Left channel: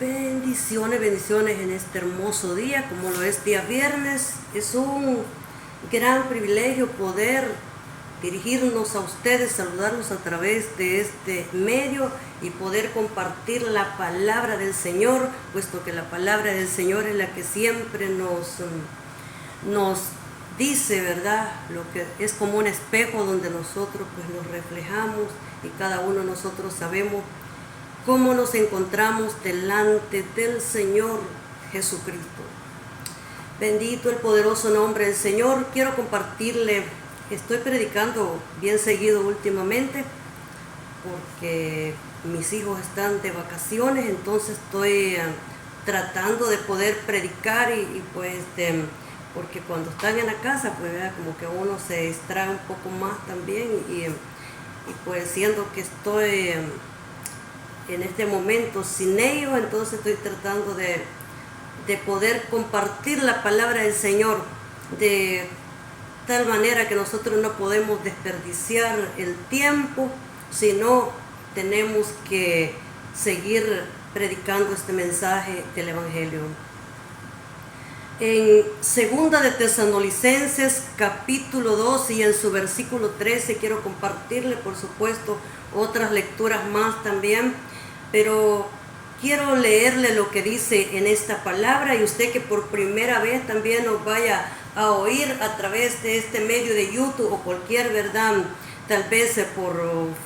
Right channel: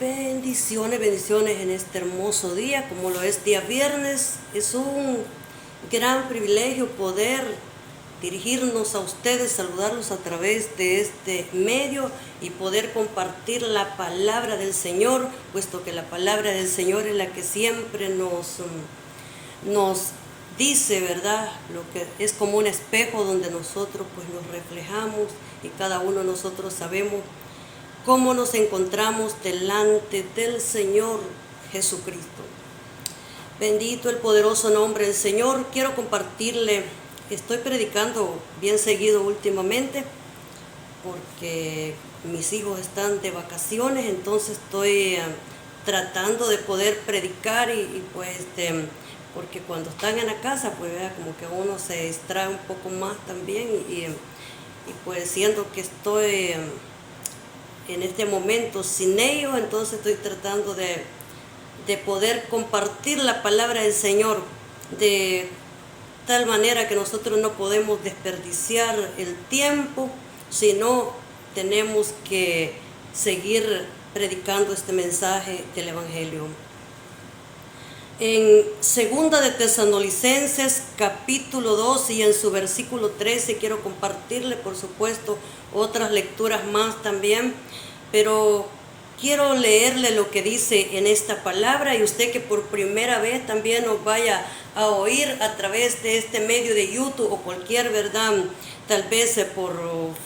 Bendiciones, bendiciones en este hermoso día, como lo es día viernes. Es un gran privilegio poder dirigirnos a ustedes, saludarlos a través de este medio y poder compartir la palabra del Señor, puesto que la palabra del Señor es la que siempre nos dice, ¿verdad? Lo que es como un espejo donde nosotros pues nos reflejamos y cada uno de nosotros sabemos cómo nos encontramos delante del Señor Jesucristo. Bendito el poderoso nombre del Señor. Quiero compartirle, estoy predicando bien seguido últimamente porque mis hijos están de vacaciones, entonces estoy tratando de poder predicar y pues porque cuando están en la casa pues como que uno se distrae un poco más también y pues siendo que estoy en este momento sin ellos, entonces estoy tratando de poder compartir la palabra del Señor de tal manera que nosotros no podemos desperdiciar el tiempo, sino tenemos que seguir predicando este mensaje del Evangelio. En 2 de Tesalonicenses capítulo 2 y en su versículo 13 quiero compartirle, por supuesto, otras lecturas más también, pero quiero leerle lo que dice en esta palabra y usted que por primera vez también nos vaya a oír a través de este medio de YouTube o cualquier, ¿verdad? Tal vez por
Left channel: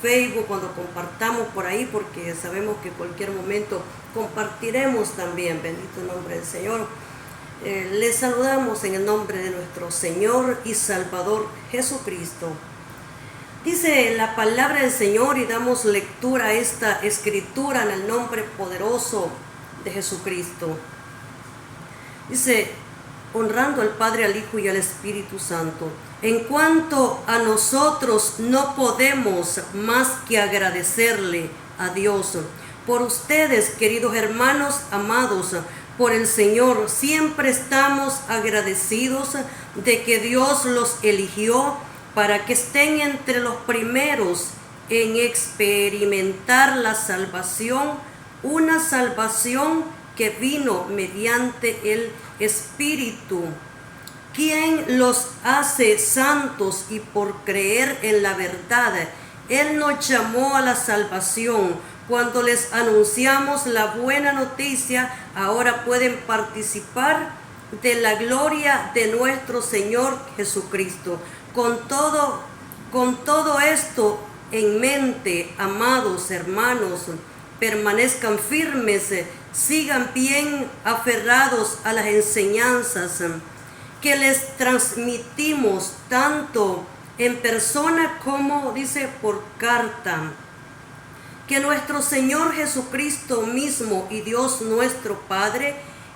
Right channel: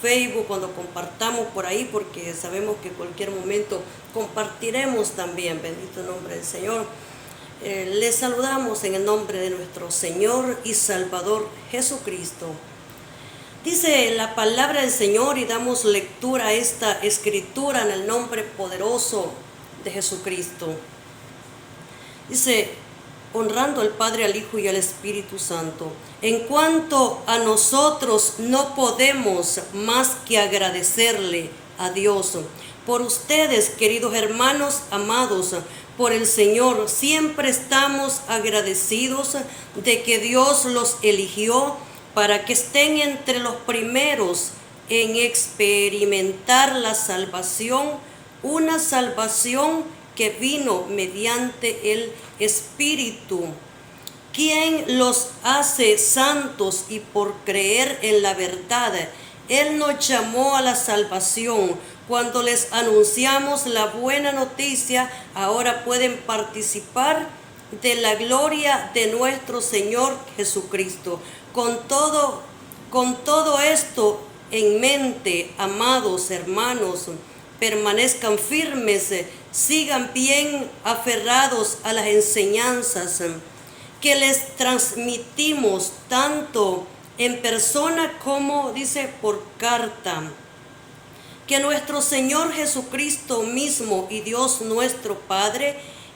Facebook cuando compartamos por ahí, porque sabemos que en cualquier momento compartiremos también, bendito nombre del Señor. Les saludamos en el nombre de nuestro Señor y Salvador Jesucristo. Dice la palabra del Señor y damos lectura a esta escritura en el nombre poderoso de Jesucristo. Dice, honrando al Padre, al Hijo y al Espíritu Santo. En cuanto a nosotros, no podemos más que agradecerle a Dios por ustedes, queridos hermanos amados, por el Señor. Siempre estamos agradecidos de que Dios los eligió para que estén entre los primeros en experimentar la salvación, una salvación que vino mediante el Espíritu, quien los hace santos, y por creer en la verdad, Él nos llamó a la salvación. Cuando les anunciamos la buena noticia, ahora pueden participar de la gloria de nuestro Señor Jesucristo. Con todo esto en mente, amados hermanos, permanezcan firmes, sigan bien aferrados a las enseñanzas que les transmitimos tanto en persona como, dice, por carta. Que nuestro Señor Jesucristo mismo y Dios nuestro Padre,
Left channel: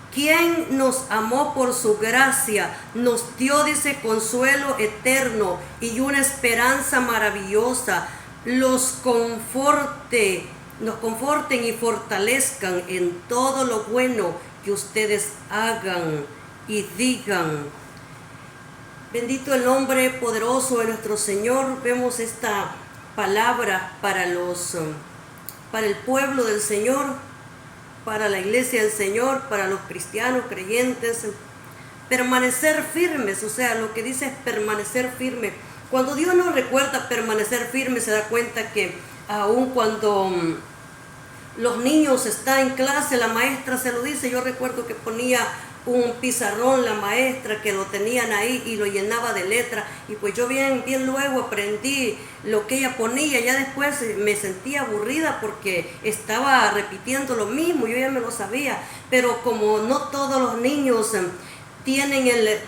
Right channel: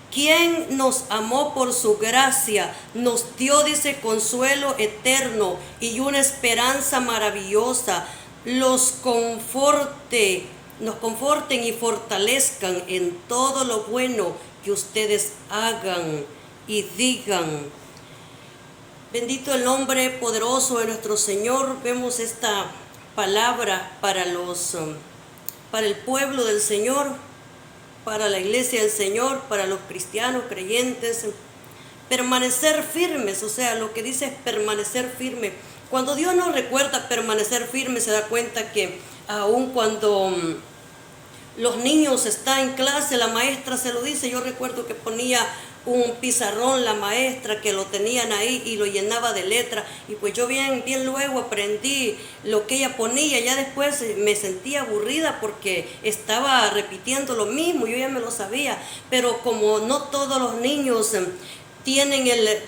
quien nos amó por su gracia, nos dio, dice, consuelo eterno y una esperanza maravillosa, nos conforten y fortalezcan en todo lo bueno que ustedes hagan y digan. Bendito el nombre poderoso de nuestro Señor. Vemos esta palabra para el pueblo del Señor, para la iglesia del Señor, para los cristianos creyentes. Permanecer firmes, o sea, lo que dice es permanecer firme. Cuando Dios nos recuerda permanecer firme, se da cuenta que aun cuando los niños están en clase, la maestra se lo dice. Yo recuerdo que ponía un pizarrón la maestra, que lo tenían ahí y lo llenaba de letra, y pues yo bien luego aprendí lo que ella ponía. Ya después me sentía aburrida porque estaba repitiendo lo mismo, yo ya me lo sabía, pero como no todos los niños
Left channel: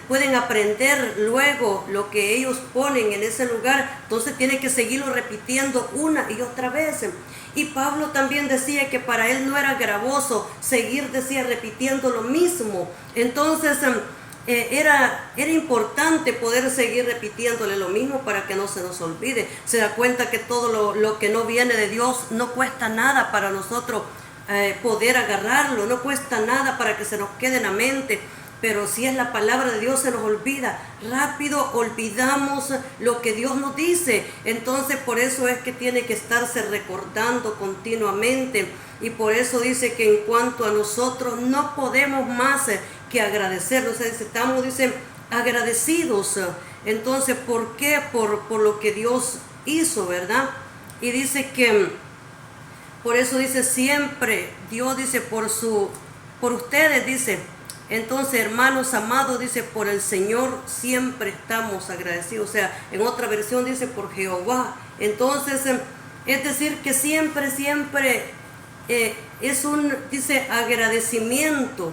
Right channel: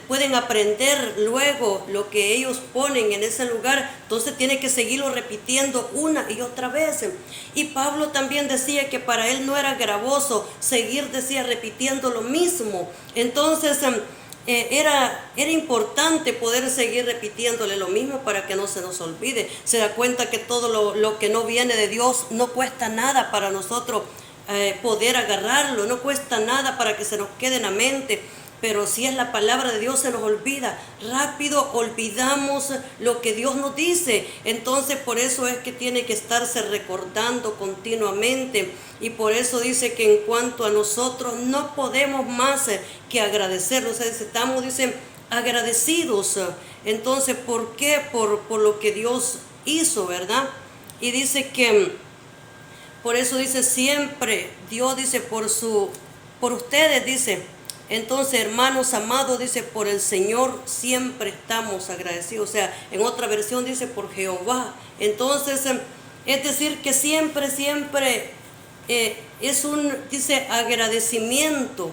pueden aprender luego lo que ellos ponen en ese lugar, entonces tienen que seguirlo repitiendo una y otra vez. Y Pablo también decía que para él no era gravoso seguir, decía, repitiendo lo mismo. Entonces era importante poder seguir repitiéndole lo mismo para que no se nos olvide. Se da cuenta que todo lo que no viene de Dios no cuesta nada para nosotros poder agarrarlo, no cuesta nada para que se nos quede en la mente. pero si es la palabra de Dios se nos olvida. Rápido olvidamos lo que Dios nos dice. Entonces por eso es que tiene que estarse recordando continuamente. Y por eso dice que en cuanto a nosotros no podemos más que agradecerlo. O sea, estamos, dicen, agradecidos. Entonces, ¿por qué? Por lo que Dios hizo, ¿verdad? Y dice que, por eso dice siempre, Dios dice por ustedes, dice. Entonces, hermanos amados, dice, por el Señor siempre estamos agradecidos. O sea, en otra versión dice por Jehová. Entonces, es decir, que siempre es dice, agradecimiento.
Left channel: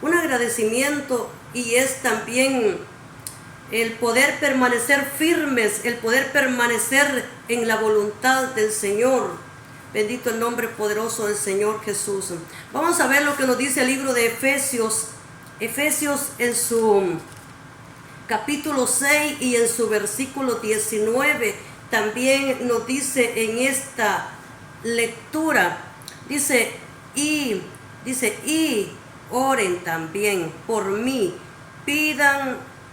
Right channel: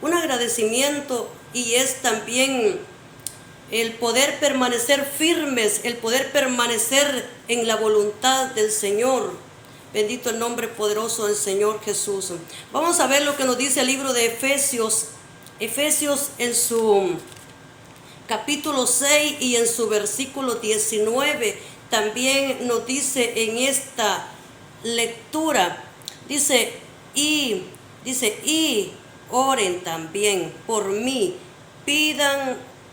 Un agradecimiento, y es también el poder permanecer firmes, el poder permanecer en la voluntad del Señor. Bendito el nombre poderoso del Señor Jesús. Vamos a ver lo que nos dice el libro de Efesios. Efesios en su capítulo 6 y en su versículo 19 también nos dice en esta lectura, dice, y oren también por mí,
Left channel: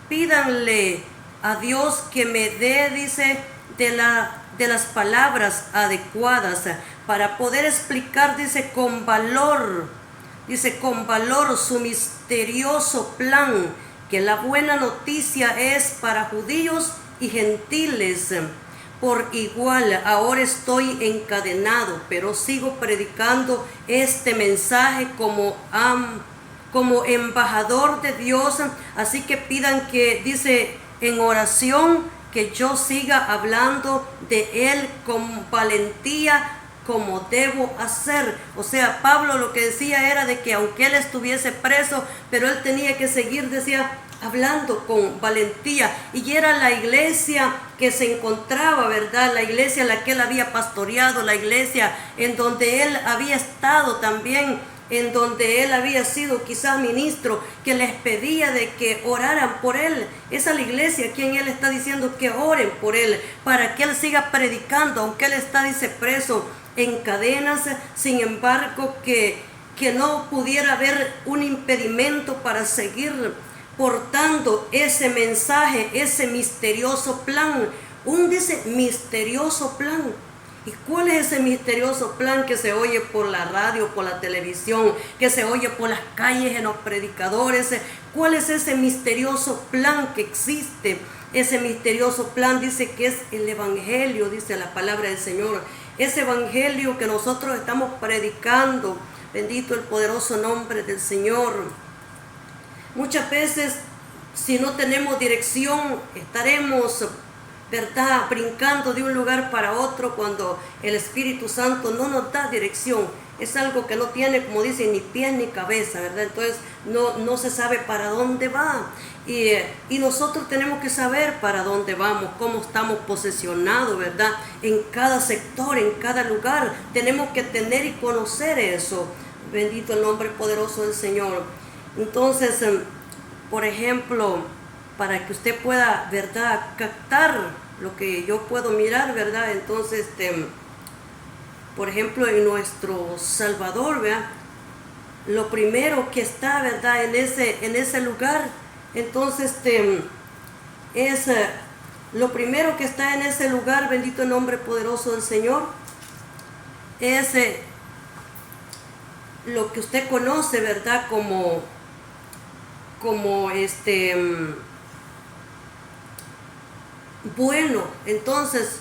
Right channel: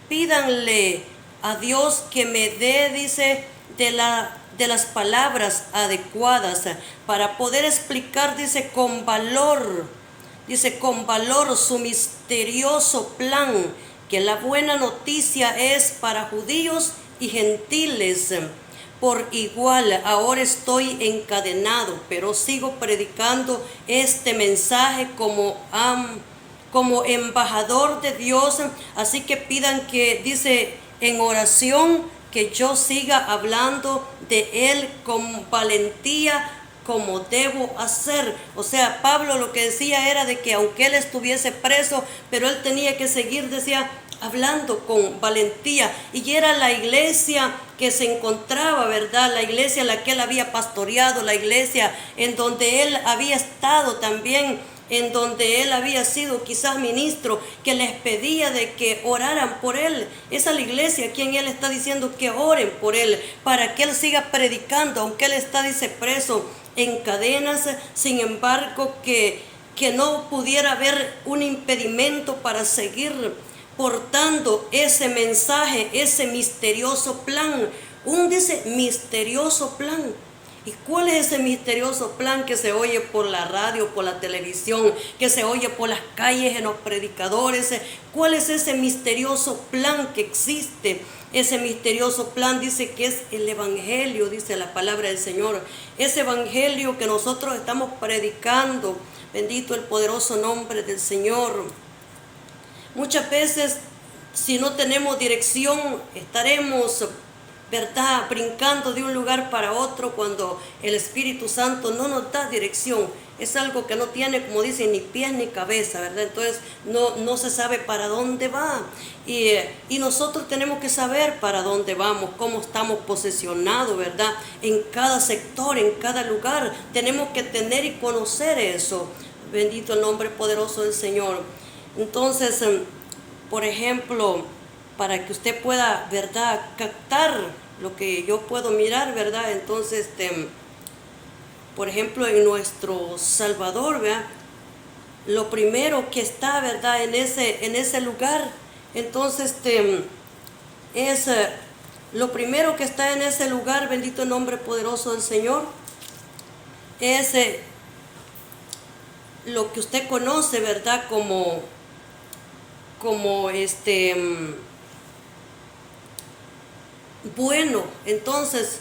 pídanle a Dios que me dé, dice, de las palabras adecuadas para poder explicar, dice, con valor su misterioso plan, que la buena noticia es para judíos y gentiles por igual. Ahora estoy encadenado, pero sigo predicando este mensaje como embajador de Dios. Así que pidan que, dice, en oración, que yo siga hablando de Él con valentía, como debo hacer. O sea, Pablo lo que decía era de que aunque él estuviese preso, pero él tenía que seguir, decía, hablando con valentía. Y era la iglesia que se encontraba, ¿verdad? La iglesia a la que él había pastoreado, la iglesia en donde él había estado también, en donde él había sido quizás ministro, que les pedía de que oraran por él. Esa es la iglesia a quien él está diciendo que oren por él, para que él siga predicando, aunque él está, dice, preso en cadenas. Sin embargo, que no pudiera haber un impedimento para seguir portando ese mensaje, ese misterioso plan. Dice, misterioso plan. ¿Y cuál es ese misterioso plan que se oye por la radio, por la televisión, que se oye por las calles, en los predicadores? ¿Cuál es ese misterioso plan que existe? Ese misterioso plan dice que es el evangelio, dice la palabra del Señor. Ese evangelio que nosotros estamos predicando. Bendito el poderoso nombre del Señor. Muchas veces, si no tenemos dirección, estaremos, ¿verdad?, brincando de un lugar para otro cuando el Espíritu Santo no nos da dirección. Es algo que no tiene, como dicen, ni pies ni cabeza, ¿verdad? Entonces no se sabe para dónde va. Y nosotros tenemos que saber para dónde vamos, cómo estamos posicionados, ¿verdad? En cada sector, en cada lugar. Tenemos que tener y conocer eso. Bendito el nombre poderoso del Señor. Entonces, por ejemplo, para que usted pueda, ¿verdad?, captar lo que yo puedo mirar, ¿verdad? Entonces, por ejemplo, en nuestro Salvador, ¿verdad?, lo primero que está, ¿verdad?, en ese lugar, entonces, es lo primero que está en ese lugar, bendito el nombre poderoso del Señor, es lo que usted conoce, ¿verdad?, como bueno. Entonces,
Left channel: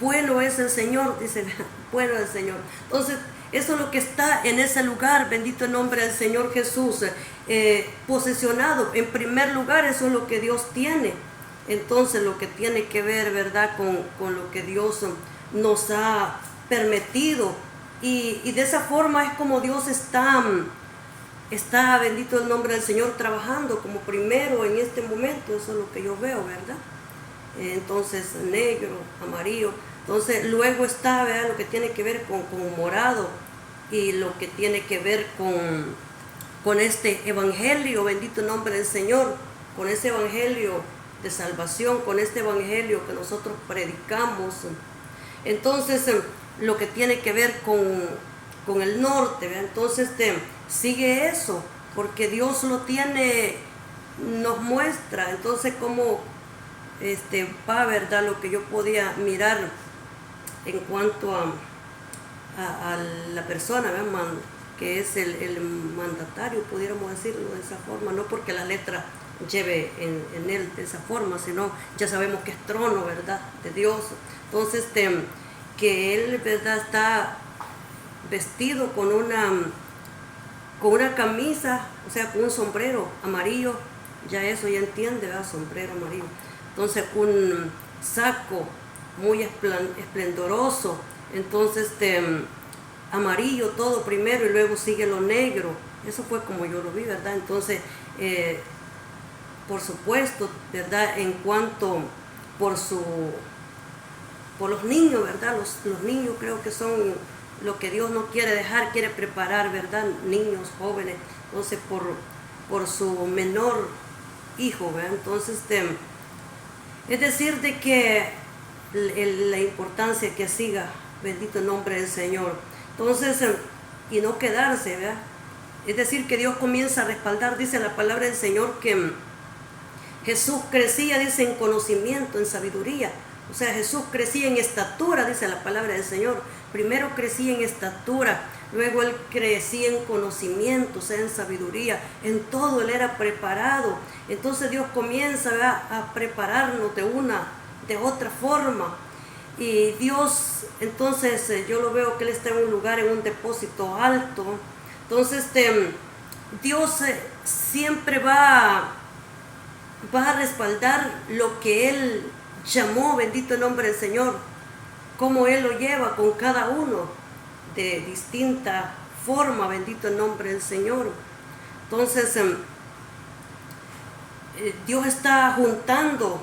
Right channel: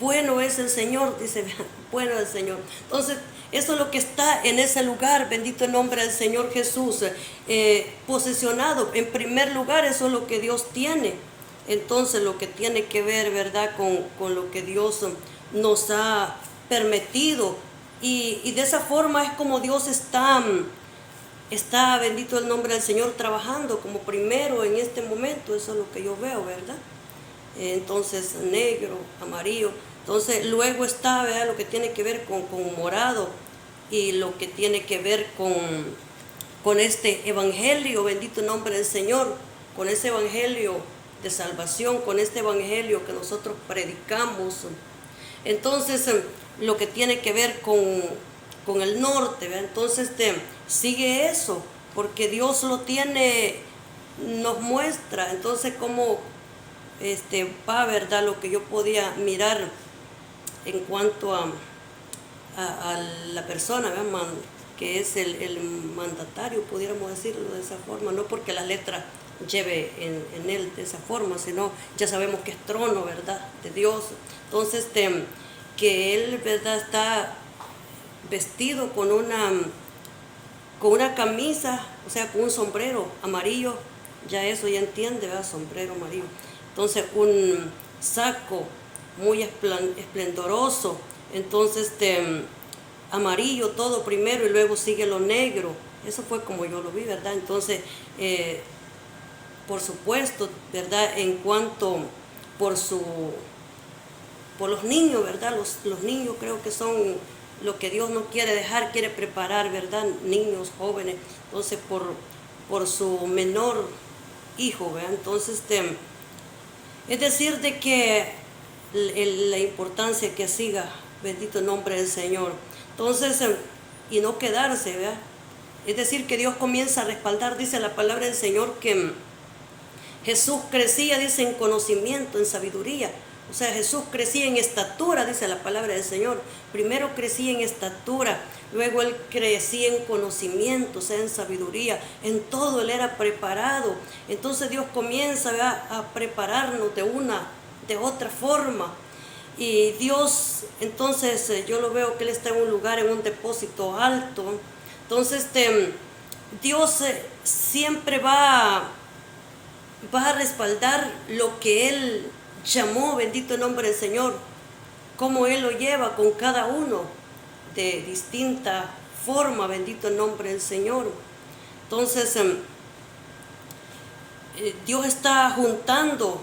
bueno es el Señor, dice, bueno es el Señor. Entonces, eso es lo que está en ese lugar, bendito el nombre del Señor Jesús, posicionado en primer lugar. Eso es lo que Dios tiene. Entonces, lo que tiene que ver, ¿verdad?, con lo que Dios nos ha permitido. Y de esa forma es como Dios está, bendito el nombre del Señor, trabajando como primero en este momento. Eso es lo que yo veo, ¿verdad? Entonces, negro, amarillo. Entonces, luego está, ¿verdad?, lo que tiene que ver con morado, y lo que tiene que ver con este evangelio, bendito el nombre del Señor, con ese evangelio de salvación, con este evangelio que nosotros predicamos. Entonces, lo que tiene que ver con el norte, ¿verdad? Entonces, sigue eso, porque Dios lo tiene nos muestra entonces cómo va, ¿verdad? Lo que yo podía mirar en cuanto a la persona, ¿verdad? Que es el mandatario, pudiéramos decirlo de esa forma, no porque la letra lleve en él de esa forma, sino ya sabemos que es trono, ¿verdad? De Dios. Entonces, que él, ¿verdad? Está vestido con una camisa, o sea, con un sombrero amarillo, ya eso ya entiende, ¿verdad? Sombrero amarillo. Entonces, un saco muy esplendoroso, entonces amarillo todo primero y luego sigue lo negro. Eso fue como yo lo vi, ¿verdad? Entonces, por supuesto, ¿verdad? En cuanto por los niños, ¿verdad? Los niños creo que son lo que Dios no quiere dejar, quiere preparar, ¿verdad? Niños, jóvenes. Entonces, por su menor hijo, ¿verdad? Entonces, es decir, de que la importancia que siga, bendito el nombre del Señor. Entonces, y no quedarse, ¿verdad? Es decir, que Dios comienza a respaldar, dice la palabra del Señor, que Jesús crecía, dice, en conocimiento, en sabiduría. O sea, Jesús crecía en estatura, dice la palabra del Señor. Primero crecía en estatura, luego Él crecía en conocimiento, o sea, en sabiduría. En todo Él era preparado. Entonces Dios comienza a prepararnos de otra forma. Y Dios, entonces, yo lo veo que Él está en un lugar, en un depósito alto. Entonces, Dios siempre va a respaldar lo que Él llamó, bendito el nombre del Señor, cómo Él lo lleva con cada uno de distinta forma, bendito el nombre del Señor. Entonces, Dios está juntando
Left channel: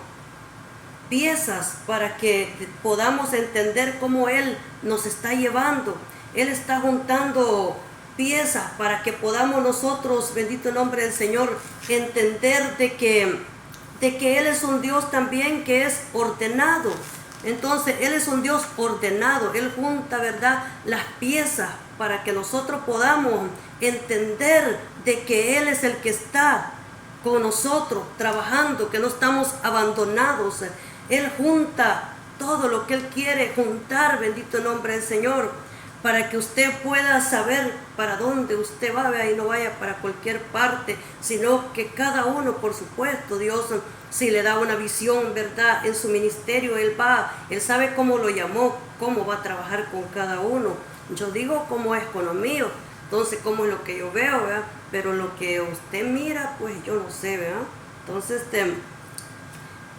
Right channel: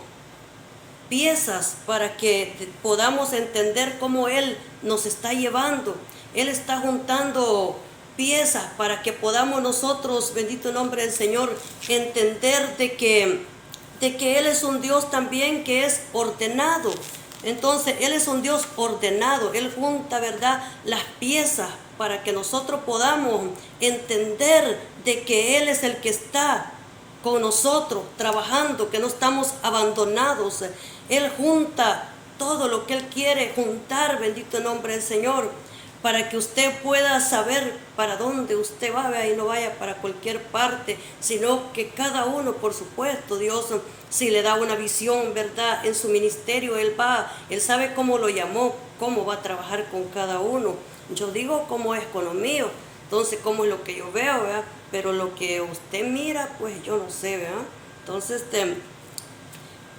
piezas para que podamos entender cómo Él nos está llevando. Él está juntando piezas para que podamos nosotros, bendito el nombre del Señor, entender de que Él es un Dios también que es ordenado. Entonces, Él es un Dios ordenado. Él junta, ¿verdad?, las piezas para que nosotros podamos entender de que Él es el que está con nosotros, trabajando, que no estamos abandonados. Él junta todo lo que Él quiere juntar, bendito el nombre del Señor, para que usted pueda saber para dónde usted va y no vaya para cualquier parte, sino que cada uno, por supuesto, Dios, si le da una visión, ¿verdad?, en su ministerio, Él sabe cómo lo llamó, cómo va a trabajar con cada uno. Yo digo cómo es con lo mío, entonces cómo es lo que yo veo, ¿verdad? Pero lo que usted mira, pues yo no sé, ¿verdad? Entonces,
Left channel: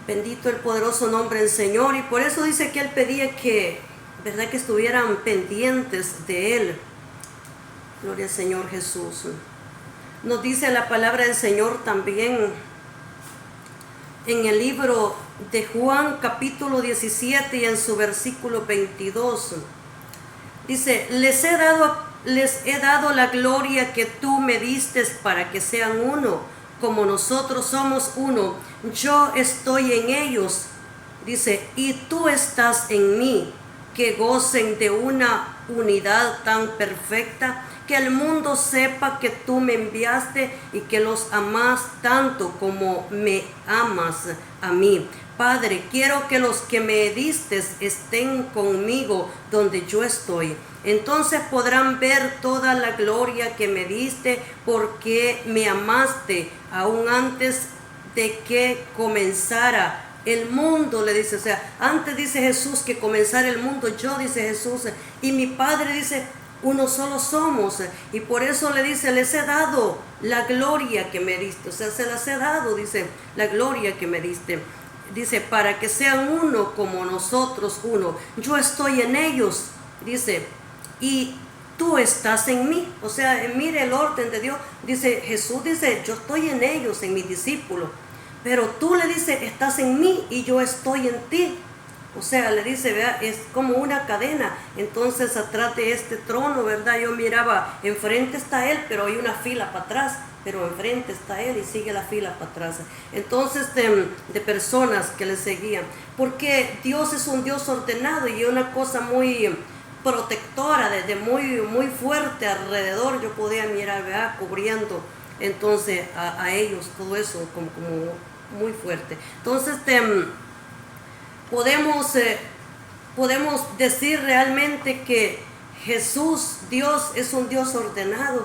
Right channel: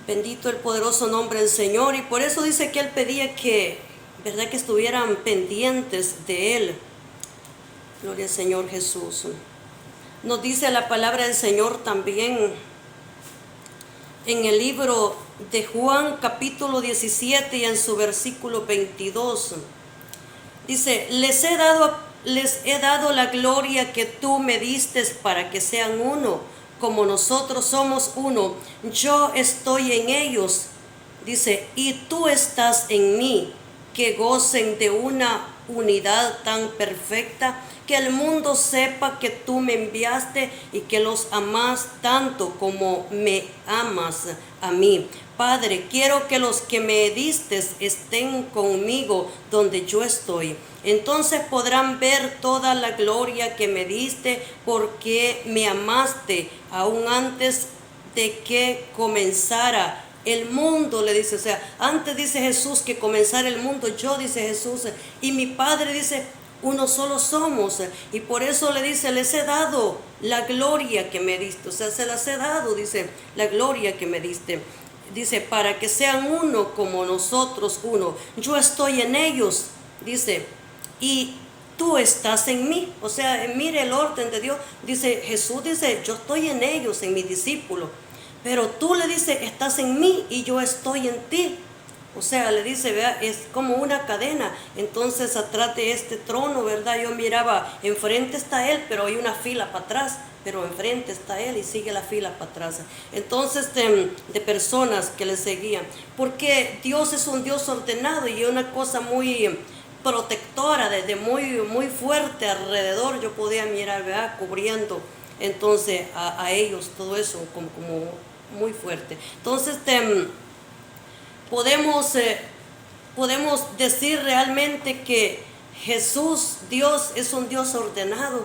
bendito el poderoso nombre del Señor, y por eso dice que Él pedía que, ¿verdad?, que estuvieran pendientes de Él. Gloria al Señor Jesús. Nos dice la palabra del Señor también en el libro de Juan capítulo 17 y en su versículo 22. Dice, les he dado la gloria que tú me diste para que sean uno, como nosotros somos uno. Yo estoy en ellos, dice, y tú estás en mí, que gocen de una unidad tan perfecta, que el mundo sepa que tú me enviaste y que los amas tanto como me amas a mí. Padre, quiero que los que me diste estén conmigo donde yo estoy. Entonces podrán ver toda la gloria que me diste, porque me amaste aún antes de que comenzara el mundo, le dice. O sea, antes dice Jesús que comenzara el mundo, yo, dice Jesús, y mi Padre, dice, uno solo somos, y por eso le dice, les he dado la gloria que me diste. O sea, se las he dado, dice, la gloria que me diste. Dice, para que sean uno como nosotros uno. Yo estoy en ellos, dice, y tú estás en mí. O sea, mire el orden de Dios. Dice, Jesús dice, yo estoy en ellos, en mis discípulos. Pero tú, le dice, estás en mí y yo estoy en ti. O sea, le dice, ¿verdad?, es como una cadena. Entonces, atrás de este trono, ¿verdad?, yo miraba, enfrente está Él, pero hay una fila para atrás. Pero enfrente está Él y sigue la fila para atrás. Entonces, de personas que le seguían. Porque Dios es un Dios ordenado y una cosa muy protectora, desde muy, muy fuerte alrededor. Yo podía mirar, ¿verdad?, cubriendo entonces a ellos todo eso como muy fuerte. Entonces podemos decir realmente que Jesús, Dios, es un Dios ordenado.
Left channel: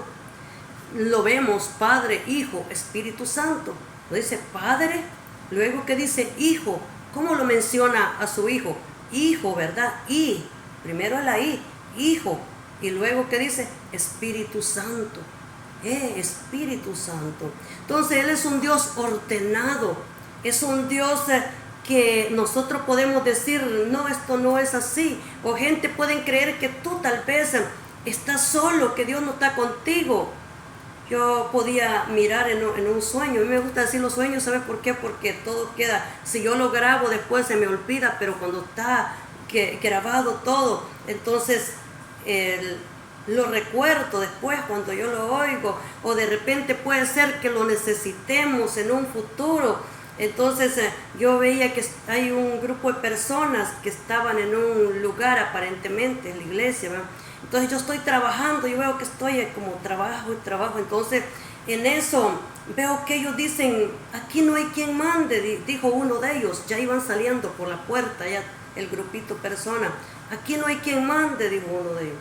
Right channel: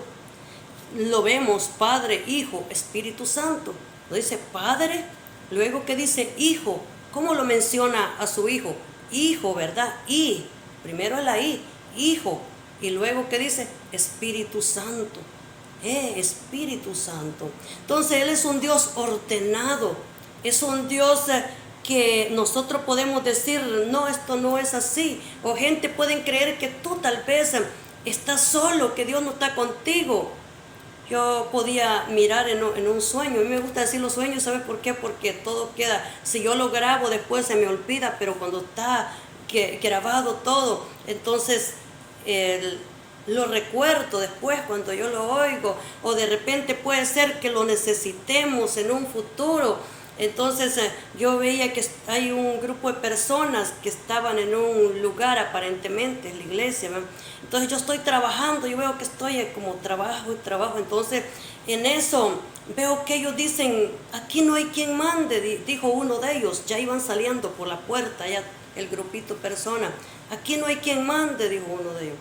Lo vemos, Padre, Hijo, Espíritu Santo. Lo dice Padre, luego que dice Hijo. ¿Cómo lo menciona a su Hijo? Hijo, ¿verdad? Y, primero la I, Hijo. Y luego que dice Espíritu Santo. Espíritu Santo. Entonces Él es un Dios ordenado. Es un Dios que nosotros podemos decir, no, esto no es así. O gente pueden creer que tú tal vez estás solo, que Dios no está contigo. Yo podía mirar en un sueño. A mí me gusta decir los sueños, ¿sabe por qué? Porque todo queda, si yo lo grabo después se me olvida, pero cuando está grabado todo, entonces lo recuerdo después cuando yo lo oigo, o de repente puede ser que lo necesitemos en un futuro. Entonces yo veía que hay un grupo de personas que estaban en un lugar aparentemente, en la iglesia, ¿verdad? Entonces yo estoy trabajando, yo veo que estoy como trabajo y trabajo, entonces en eso veo que ellos dicen, aquí no hay quien mande, dijo uno de ellos, ya iban saliendo por la puerta, ya el grupito persona, aquí no hay quien mande, dijo uno de ellos.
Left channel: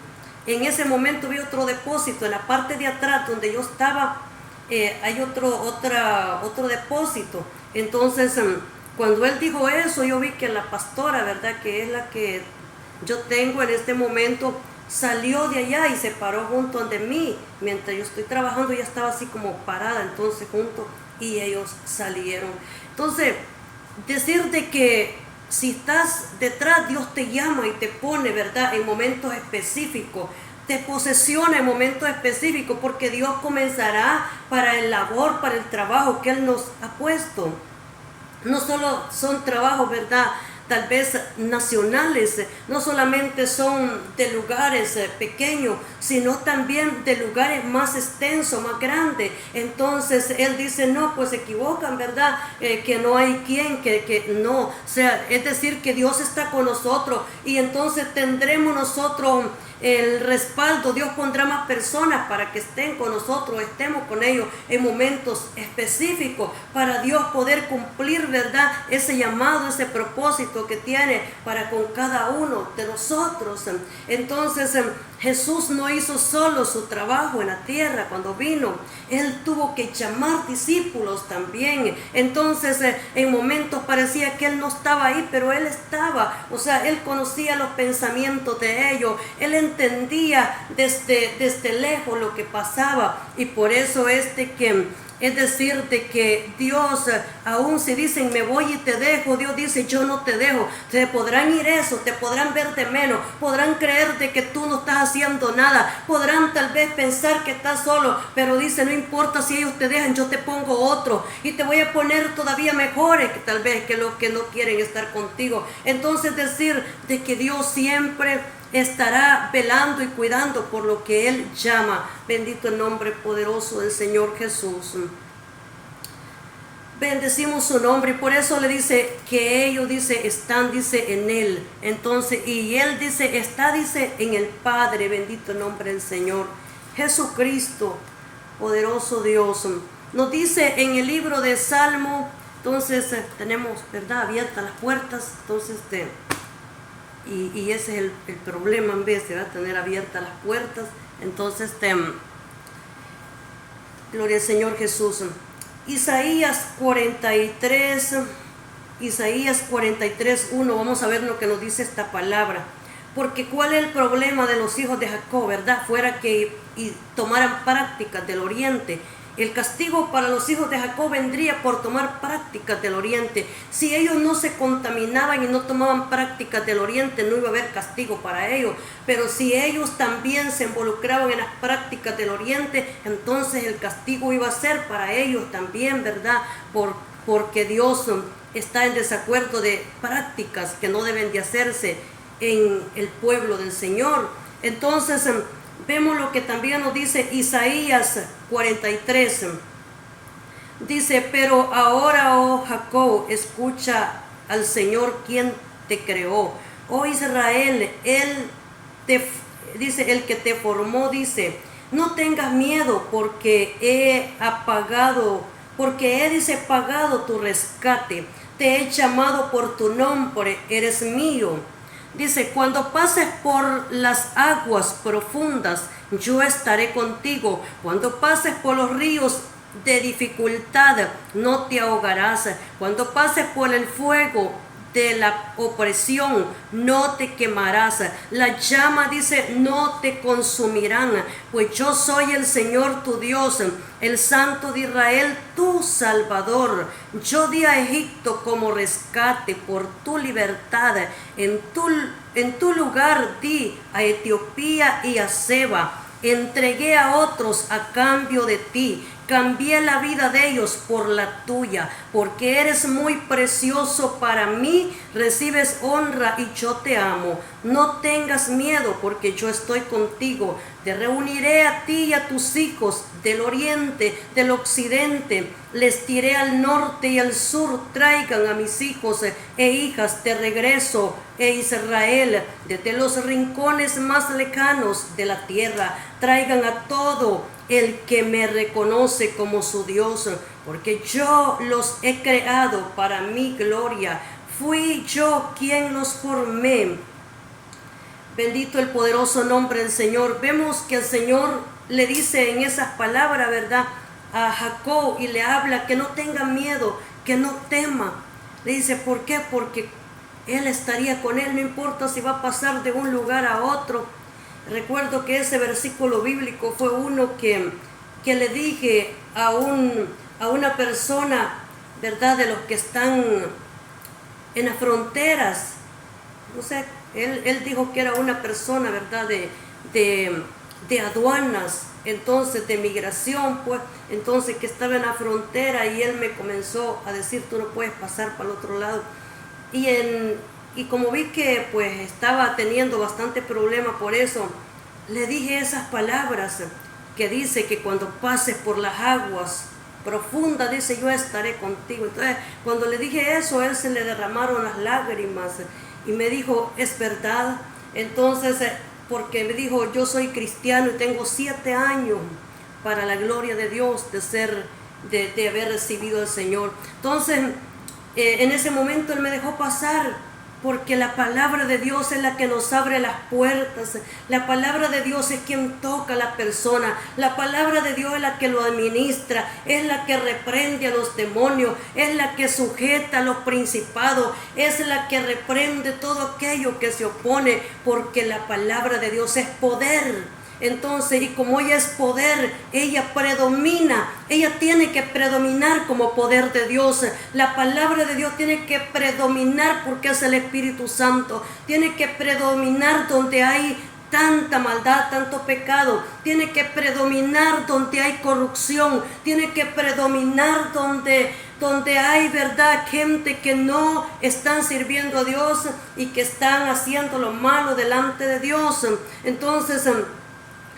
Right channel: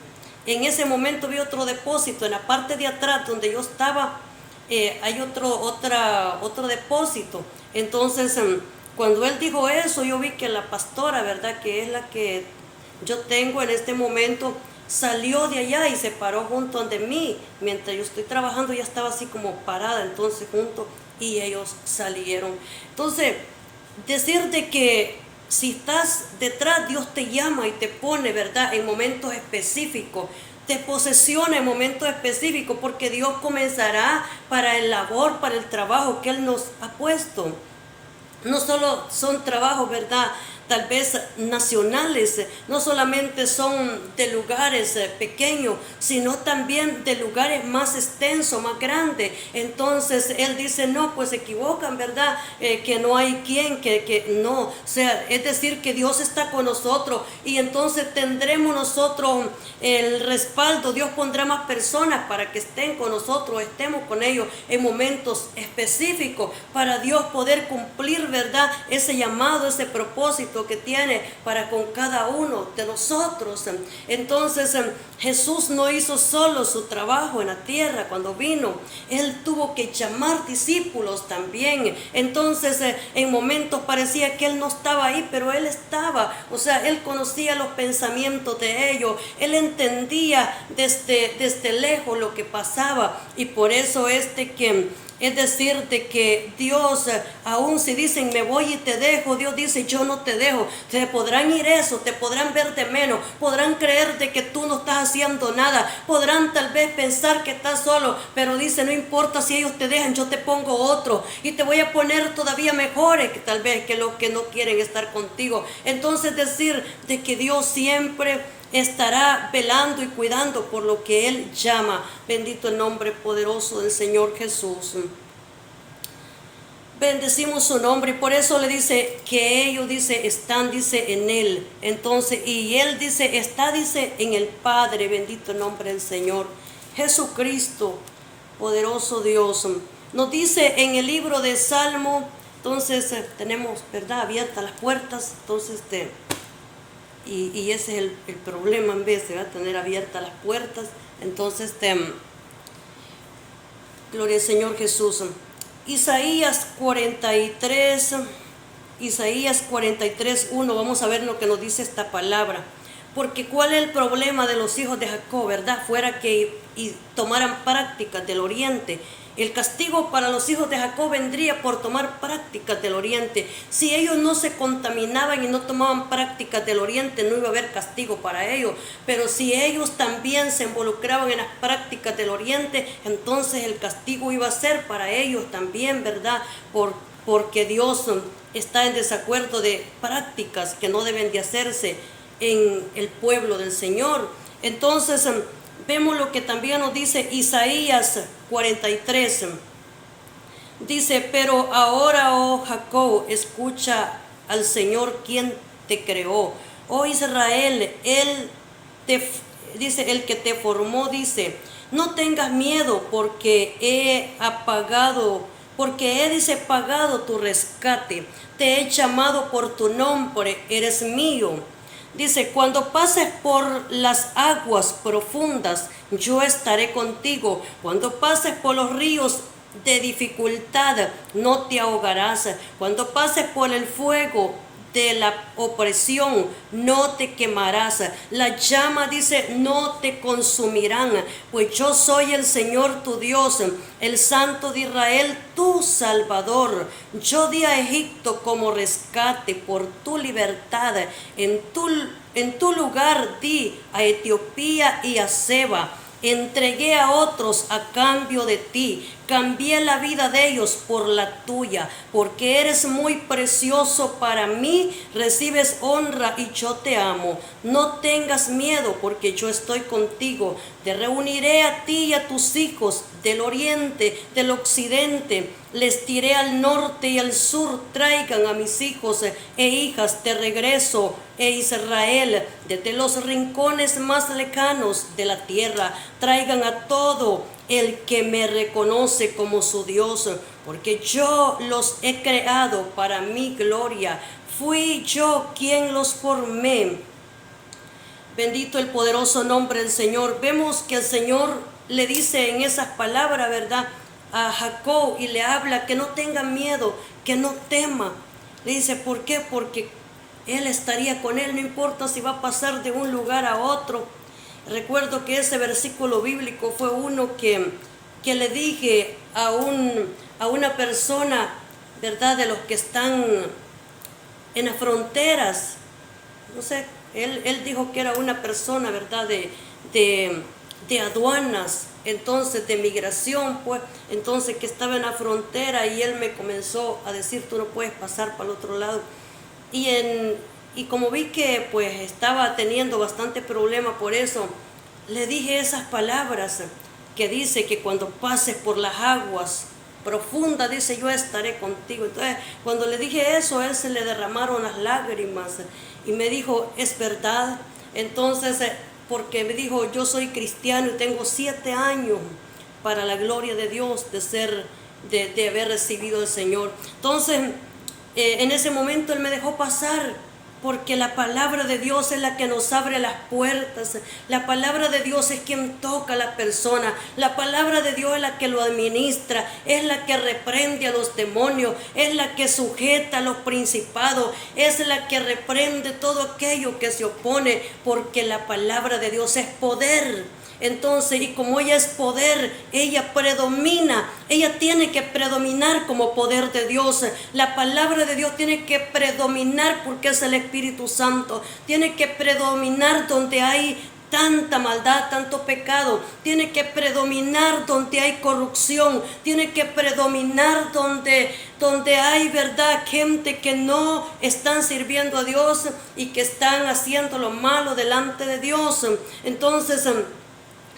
En ese momento vi otro depósito, en la parte de atrás donde yo estaba, hay otro depósito. Entonces cuando él dijo eso, yo vi que la pastora, ¿verdad?, que es la que yo tengo en este momento, salió de allá y se paró junto ante mí. Mientras yo estoy trabajando, ella estaba así como parada, entonces junto, y ellos salieron. Entonces, decirte que si estás detrás, Dios te llama y te pone, ¿verdad?, en momentos específicos, te posesiona en momentos específicos, porque Dios comenzará para el labor, para el trabajo que Él nos ha puesto. No solo son trabajos, ¿verdad?, tal vez nacionales, no solamente son de lugares pequeños, sino también de lugares más extensos, más grandes. Entonces Él dice, no, pues se equivocan, ¿verdad? Que no hay quien, que no, o sea, es decir, que Dios está con nosotros, y entonces tendremos nosotros el respaldo. Dios pondrá más personas para que estén con nosotros, estemos con ellos en momentos específicos, para Dios poder cumplir, ¿verdad?, ese llamado, ese propósito que tiene para con cada uno de nosotros. Entonces Jesús no hizo solo su trabajo en la tierra cuando vino, Él tuvo que llamar discípulos también. Entonces en momentos parecía que Él no estaba ahí, pero Él estaba, o sea, Él conocía los pensamientos de ellos, Él entendía desde lejos lo que pasaba, y por eso es decir, de que Dios, aún si dicen me voy y te dejo, Dios dice yo no te dejo. Te podrán ir eso, te podrán ver de menos, podrán creer de que tú no estás haciendo nada, podrán tal vez pensar que estás solo, pero dice, no importa si ellos te dejan, yo te pongo otro y te voy a poner todavía mejores que tal vez que los que no quieren estar contigo. Entonces decir de que Dios siempre estará velando y cuidando por lo que Él llama. Bendito el nombre poderoso del Señor Jesús. Bendecimos su nombre, y por eso le dice que ellos, dice, están, dice, en Él. Entonces, y Él dice, está, dice, en el Padre. Bendito el nombre del Señor Jesucristo, poderoso Dios. Nos dice en el libro de Salmo, entonces tenemos, ¿verdad?, abiertas las puertas. Entonces y ese es el problema, en vez de tener abiertas las puertas. Entonces gloria al Señor Jesús. Isaías 43, 1, vamos a ver lo que nos dice esta palabra. Porque cuál es el problema de los hijos de Jacob, ¿verdad? Fuera que tomaran prácticas del oriente. El castigo para los hijos de Jacob vendría por tomar prácticas del oriente. Si ellos no se contaminaban y no tomaban prácticas del oriente, no iba a haber castigo para ellos. Pero si ellos también se involucraban en las prácticas del oriente, entonces el castigo iba a ser para ellos también, ¿verdad? Porque Dios está en desacuerdo de prácticas que no deben de hacerse en el pueblo del Señor. Entonces vemos lo que también nos dice Isaías 43. Dice, pero ahora, oh Jacob, escucha al Señor quien te creó. Oh Israel, dice, el que te formó, dice, no tengas miedo porque dice, pagado tu rescate, te he llamado por tu nombre, eres mío. Dice, cuando pases por las aguas profundas, yo estaré contigo. Cuando pases por los ríos de dificultad, no te ahogarás. Cuando pases por el fuego de la opresión, no te quemarás. La llama, dice, no te consumirán, pues yo soy el Señor tu Dios, el Santo de Israel, tu Salvador. Yo di a Egipto como rescate por tu libertad. En tu lugar di a Etiopía y a Seba. Entregué a otros a cambio de ti. Cambié la vida de ellos por la tuya, porque eres muy precioso para mí, recibes honra y yo te amo. No tengas miedo, porque yo estoy contigo. Te reuniré a ti y a tus hijos del oriente, del occidente. Les tiré al norte y al sur. Traigan a mis hijos e hijas de regreso, Israel, desde los rincones más lejanos de la tierra. Traigan a todo el que me reconoce como su Dios, porque yo los he creado para mi gloria. Fui yo quien los formé. Bendito el poderoso nombre del Señor. Vemos que el Señor le dice en esas palabras, ¿verdad?, a Jacob, y le habla que no tenga miedo, que no tema. Le dice, ¿por qué? Porque Él estaría con él, no importa si va a pasar de un lugar a otro. Recuerdo que ese versículo bíblico fue uno que le dije a una persona, ¿verdad?, de los que están en las fronteras. No sé, él dijo que era una persona, ¿verdad?, de aduanas, entonces de migración, pues, entonces que estaba en la frontera, y él me comenzó a decir, tú no puedes pasar para el otro lado. Y como vi que pues estaba teniendo bastante problema por eso, le dije esas palabras que dice que cuando pases por las aguas profundas, dice, yo estaré contigo. Entonces, cuando le dije eso, a él se le derramaron las lágrimas y me dijo, es verdad. Entonces, porque me dijo, yo soy cristiano y tengo 7 años para la gloria de Dios de haber recibido al Señor. Entonces, en ese momento él me dejó pasar, porque la palabra de Dios es la que nos abre las puertas. La palabra de Dios es quien toca a la persona. La palabra de Dios es la que lo administra, es la que reprende a los demonios, es la que sujeta a los principados, es la que reprende todo aquello que se opone, porque la palabra de Dios es poder. Entonces, y como ella es poder, ella predomina, ella tiene que predominar como poder de Dios. La palabra de Dios tiene que predominar porque es el Espíritu Santo. Tiene que predominar donde hay tanta maldad, tanto pecado. Tiene que predominar donde hay corrupción. Tiene que predominar donde hay, verdad, gente que no están sirviendo a Dios y que están haciendo lo malo delante de Dios. Entonces,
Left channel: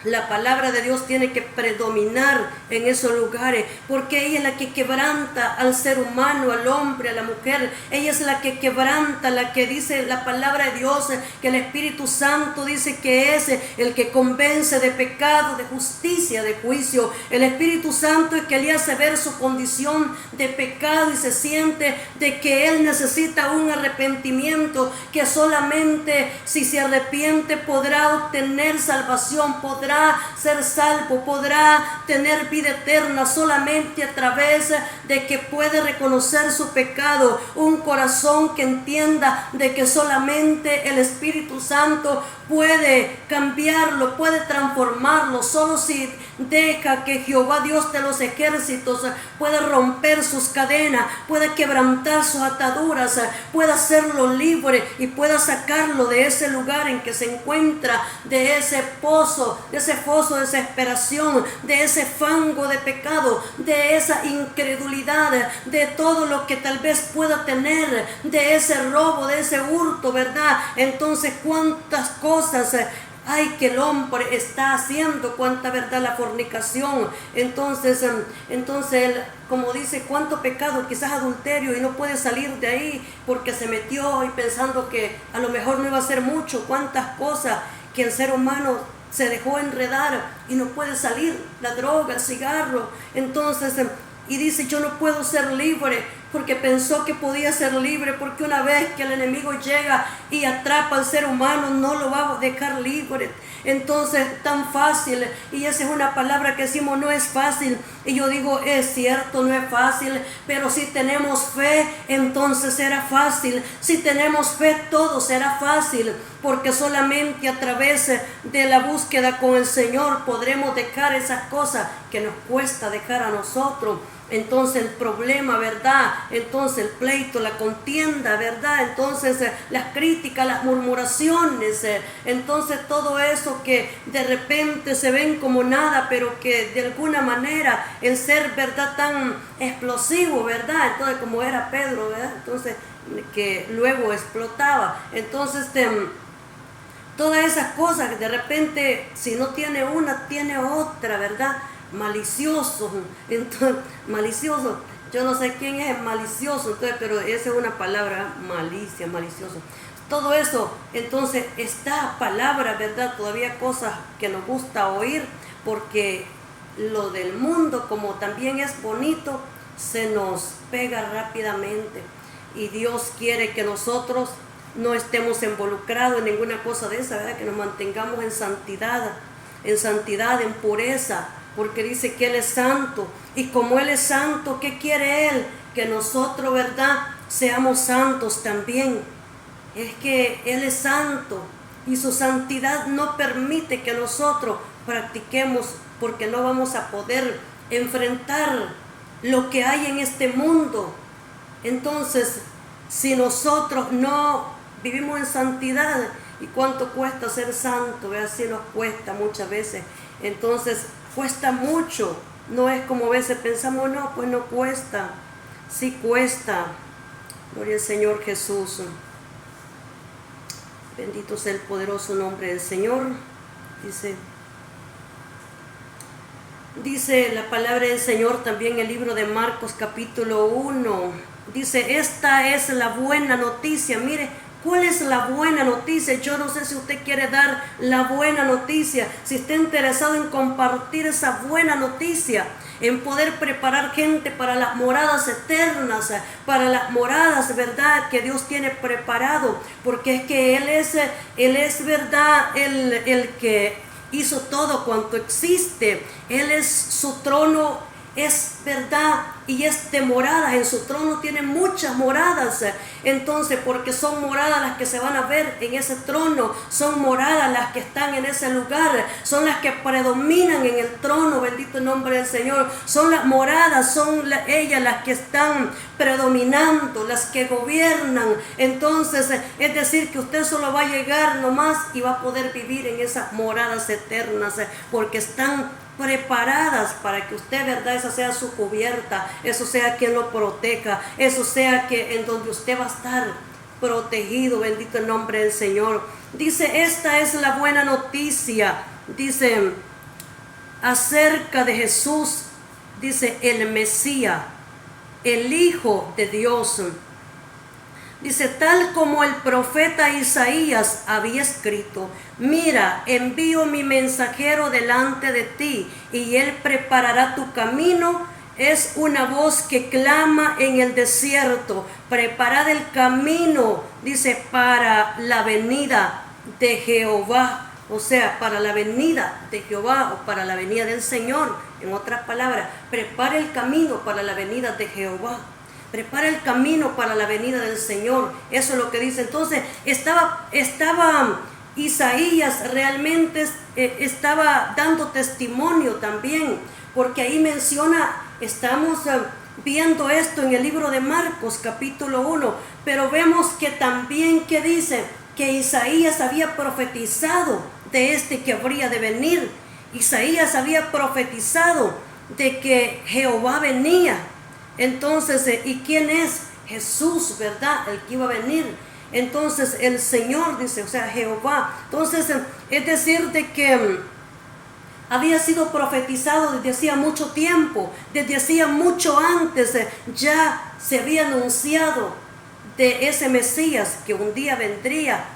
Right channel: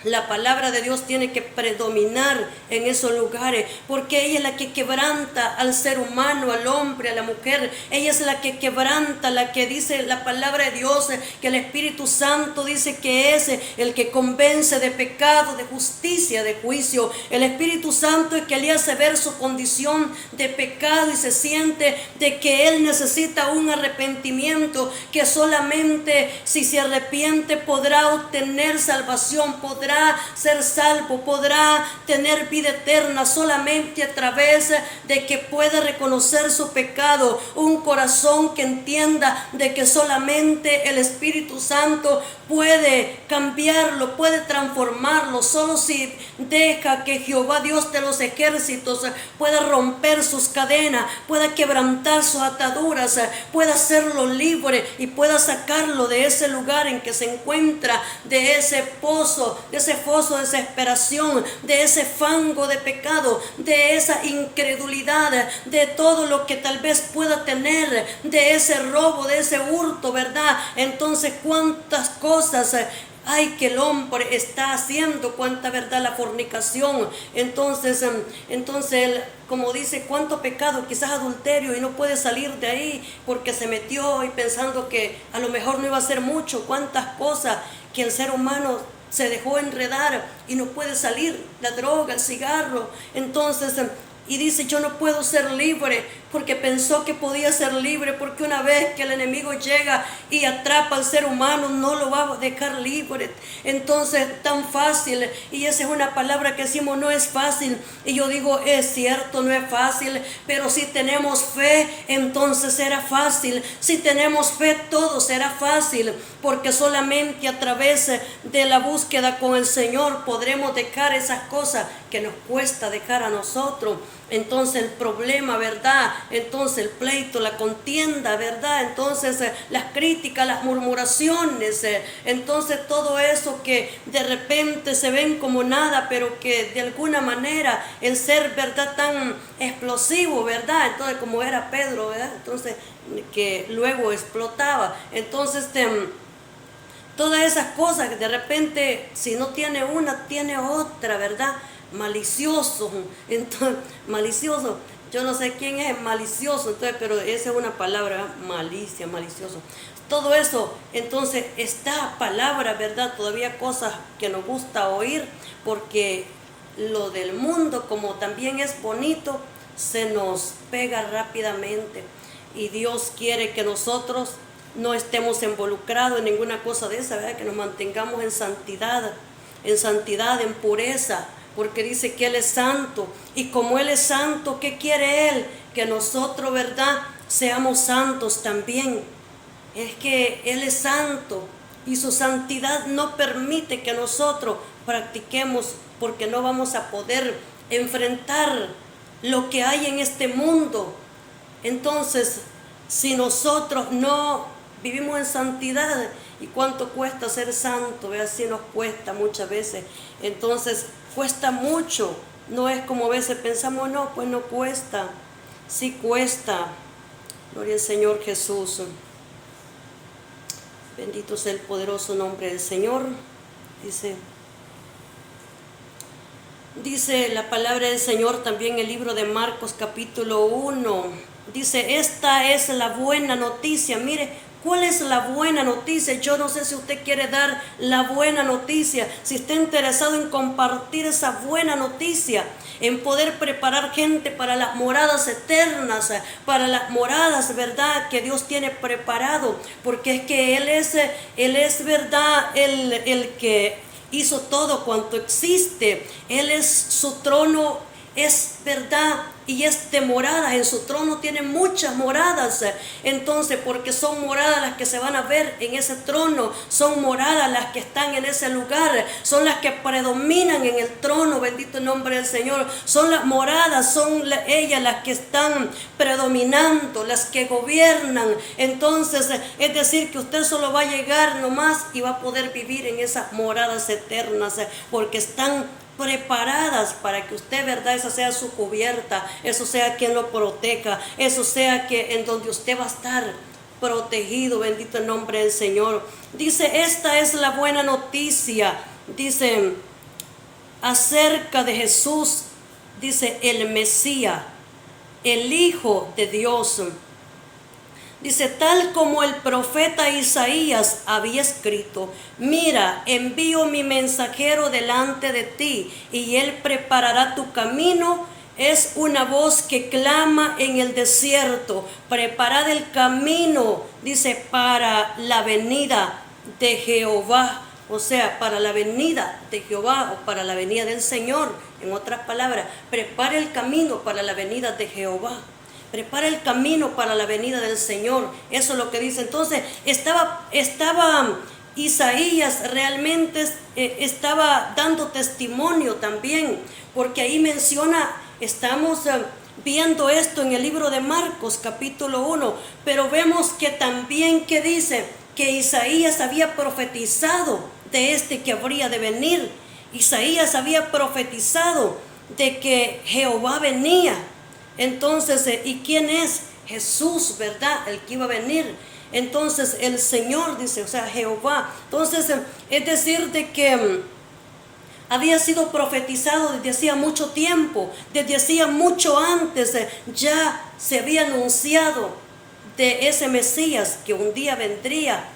la palabra de Dios tiene que predominar en esos lugares, porque ella es la que quebranta al ser humano, al hombre, a la mujer. Ella es la que quebranta, la que dice la palabra de Dios, que el Espíritu Santo dice que es el que convence de pecado, de justicia, de juicio. El Espíritu Santo es que le hace ver su condición de pecado y se siente de que él necesita un arrepentimiento, que solamente si se arrepiente podrá obtener salvación, podrá ser salvo, podrá tener vida eterna solamente a través de que puede reconocer su pecado. Un corazón que entienda de que solamente el Espíritu Santo puede cambiarlo, puede transformarlo. Solo si deja que Jehová Dios de los ejércitos pueda romper sus cadenas, pueda quebrantar sus ataduras, pueda hacerlo libre y pueda sacarlo de ese lugar en que se encuentra, de ese pozo, de ese foso de desesperación, de ese fango de pecado, de esa incredulidad, de todo lo que tal vez pueda tener, de ese robo, de ese hurto, ¿verdad? Entonces, cuántas cosas hay que el hombre está haciendo, cuánta verdad, la fornicación. Entonces, como dice, cuánto pecado, quizás adulterio, y no puede salir de ahí porque se metió y pensando que a lo mejor no iba a ser mucho. Cuántas cosas que el ser humano se dejó enredar y no puede salir, la droga, el cigarro. Entonces, y dice, yo no puedo ser libre, porque pensó que podía ser libre, porque una vez que el enemigo llega y atrapa al ser humano, no lo va a dejar libre. Entonces, tan fácil, y esa es una palabra que decimos, no es fácil, y yo digo, es cierto, no es fácil, pero si tenemos fe, entonces será fácil. Si tenemos fe, todo será fácil, porque solamente a través de la búsqueda con el Señor podremos dejar esas cosas que nos cuesta dejar a nosotros. Entonces el problema, ¿verdad? Entonces el pleito, la contienda, ¿verdad? Entonces las críticas, las murmuraciones, entonces todo eso que de repente se ven como nada, pero que de alguna manera el ser, ¿verdad?, tan explosivo, ¿verdad? Entonces como era Pedro, ¿verdad? Entonces que luego explotaba. Entonces todas esas cosas que de repente, si no tiene una, tiene otra, ¿verdad? Malicioso, entonces, malicioso, yo no sé quién es malicioso, entonces, pero esa es una palabra, malicia, malicioso, todo eso. Entonces esta palabra, ¿verdad?, todavía cosas que nos gusta oír, porque lo del mundo, como también es bonito, se nos pega rápidamente, y Dios quiere que nosotros no estemos involucrados en ninguna cosa de esa, ¿verdad?, que nos mantengamos en santidad, en pureza, porque dice que Él es santo, y como Él es santo, ¿qué quiere Él? Que nosotros, ¿verdad?, seamos santos también. Es que Él es santo, y su santidad no permite que nosotros practiquemos, porque no vamos a poder enfrentar lo que hay en este mundo. Entonces, si nosotros no vivimos en santidad, ¿y cuánto cuesta ser santo? Así nos cuesta muchas veces. Entonces cuesta mucho, no es como a veces pensamos, no, pues no cuesta, sí cuesta. Gloria al Señor Jesús. Bendito sea el poderoso nombre del Señor. Dice la palabra del Señor también en el libro de Marcos capítulo 1. Dice, esta es la buena noticia. Mire, ¿cuál es la buena noticia? Yo no sé si usted quiere dar la buena noticia, si está interesado en compartir esa buena noticia, en poder preparar gente para las moradas eternas, para las moradas, ¿verdad?, que Dios tiene preparado, porque es que Él es ¿verdad?, el que hizo todo cuanto existe. Él es, su trono es verdad y es de moradas. En su trono tiene muchas moradas. Entonces, porque son moradas las que se van a ver en ese trono, son moradas las que están en ese lugar, son las que predominan en el trono. Bendito el nombre del Señor. Son las moradas, son ellas las que están predominando, las que gobiernan. Entonces, es decir, que usted solo va a llegar nomás y va a poder vivir en esas moradas eternas, porque están preparadas para que usted, ¿verdad?, esa sea su cubierta, eso sea quien lo proteja, eso sea que en donde usted va a estar protegido. Bendito el nombre del Señor. Dice, esta es la buena noticia, dice, acerca de Jesús, dice, el Mesías, el Hijo de Dios. Dice, tal como el profeta Isaías había escrito, mira, envío mi mensajero delante de ti, y él preparará tu camino. Es una voz que clama en el desierto, preparad el camino, dice, para la venida de Jehová. O sea, para la venida de Jehová, o para la venida del Señor. En otras palabras, prepara el camino para la venida de Jehová. Prepara el camino para la venida del Señor. Eso es lo que dice. Entonces estaba Isaías realmente estaba dando testimonio también, porque ahí menciona, estamos viendo esto en el libro de Marcos capítulo 1, pero vemos que también que dice que Isaías había profetizado de este que habría de venir. Isaías había profetizado de que Jehová venía. Entonces, ¿y quién es? Jesús, ¿verdad?, el que iba a venir. Entonces el Señor dice, o sea, Jehová. Entonces, es decir, de que había sido profetizado desde hacía mucho tiempo, desde hacía mucho antes, ya se había anunciado de ese Mesías que un día vendría.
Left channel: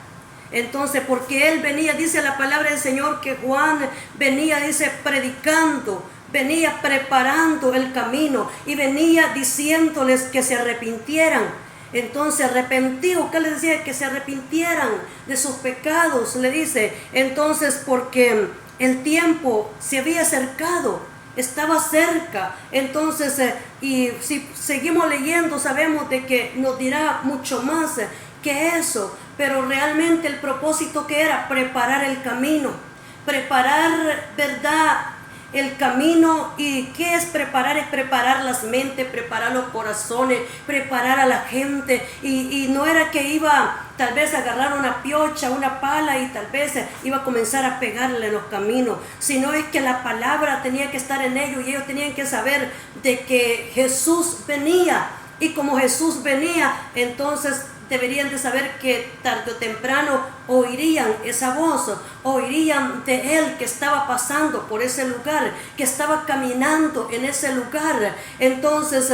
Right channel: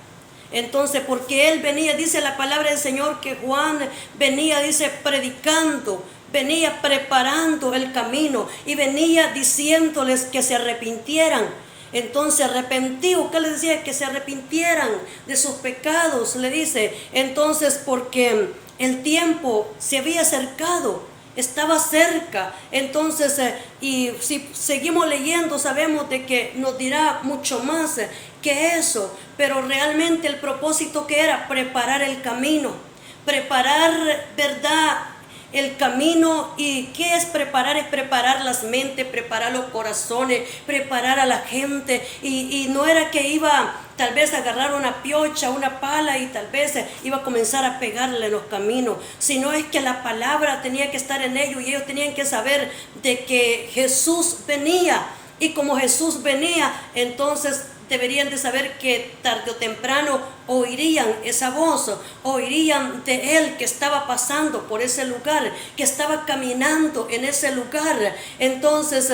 Entonces, porque él venía, dice la palabra del Señor, que Juan venía, dice, predicando, venía preparando el camino y venía diciéndoles que se arrepintieran. Entonces, arrepentidos, ¿qué les decía? Que se arrepintieran de sus pecados, le dice. Entonces, porque el tiempo se había acercado, estaba cerca. Entonces, y si seguimos leyendo, sabemos de que nos dirá mucho más que eso, pero realmente el propósito que era preparar el camino, preparar, ¿verdad?, el camino. ¿Y qué es preparar? Es preparar las mentes, preparar los corazones, preparar a la gente. Y no era que iba tal vez a agarrar una piocha, una pala y tal vez iba a comenzar a pegarle en los caminos, sino es que la palabra tenía que estar en ellos y ellos tenían que saber de que Jesús venía. Y como Jesús venía, entonces deberían de saber que tarde o temprano oirían esa voz, oirían de él que estaba pasando por ese lugar, que estaba caminando en ese lugar. Entonces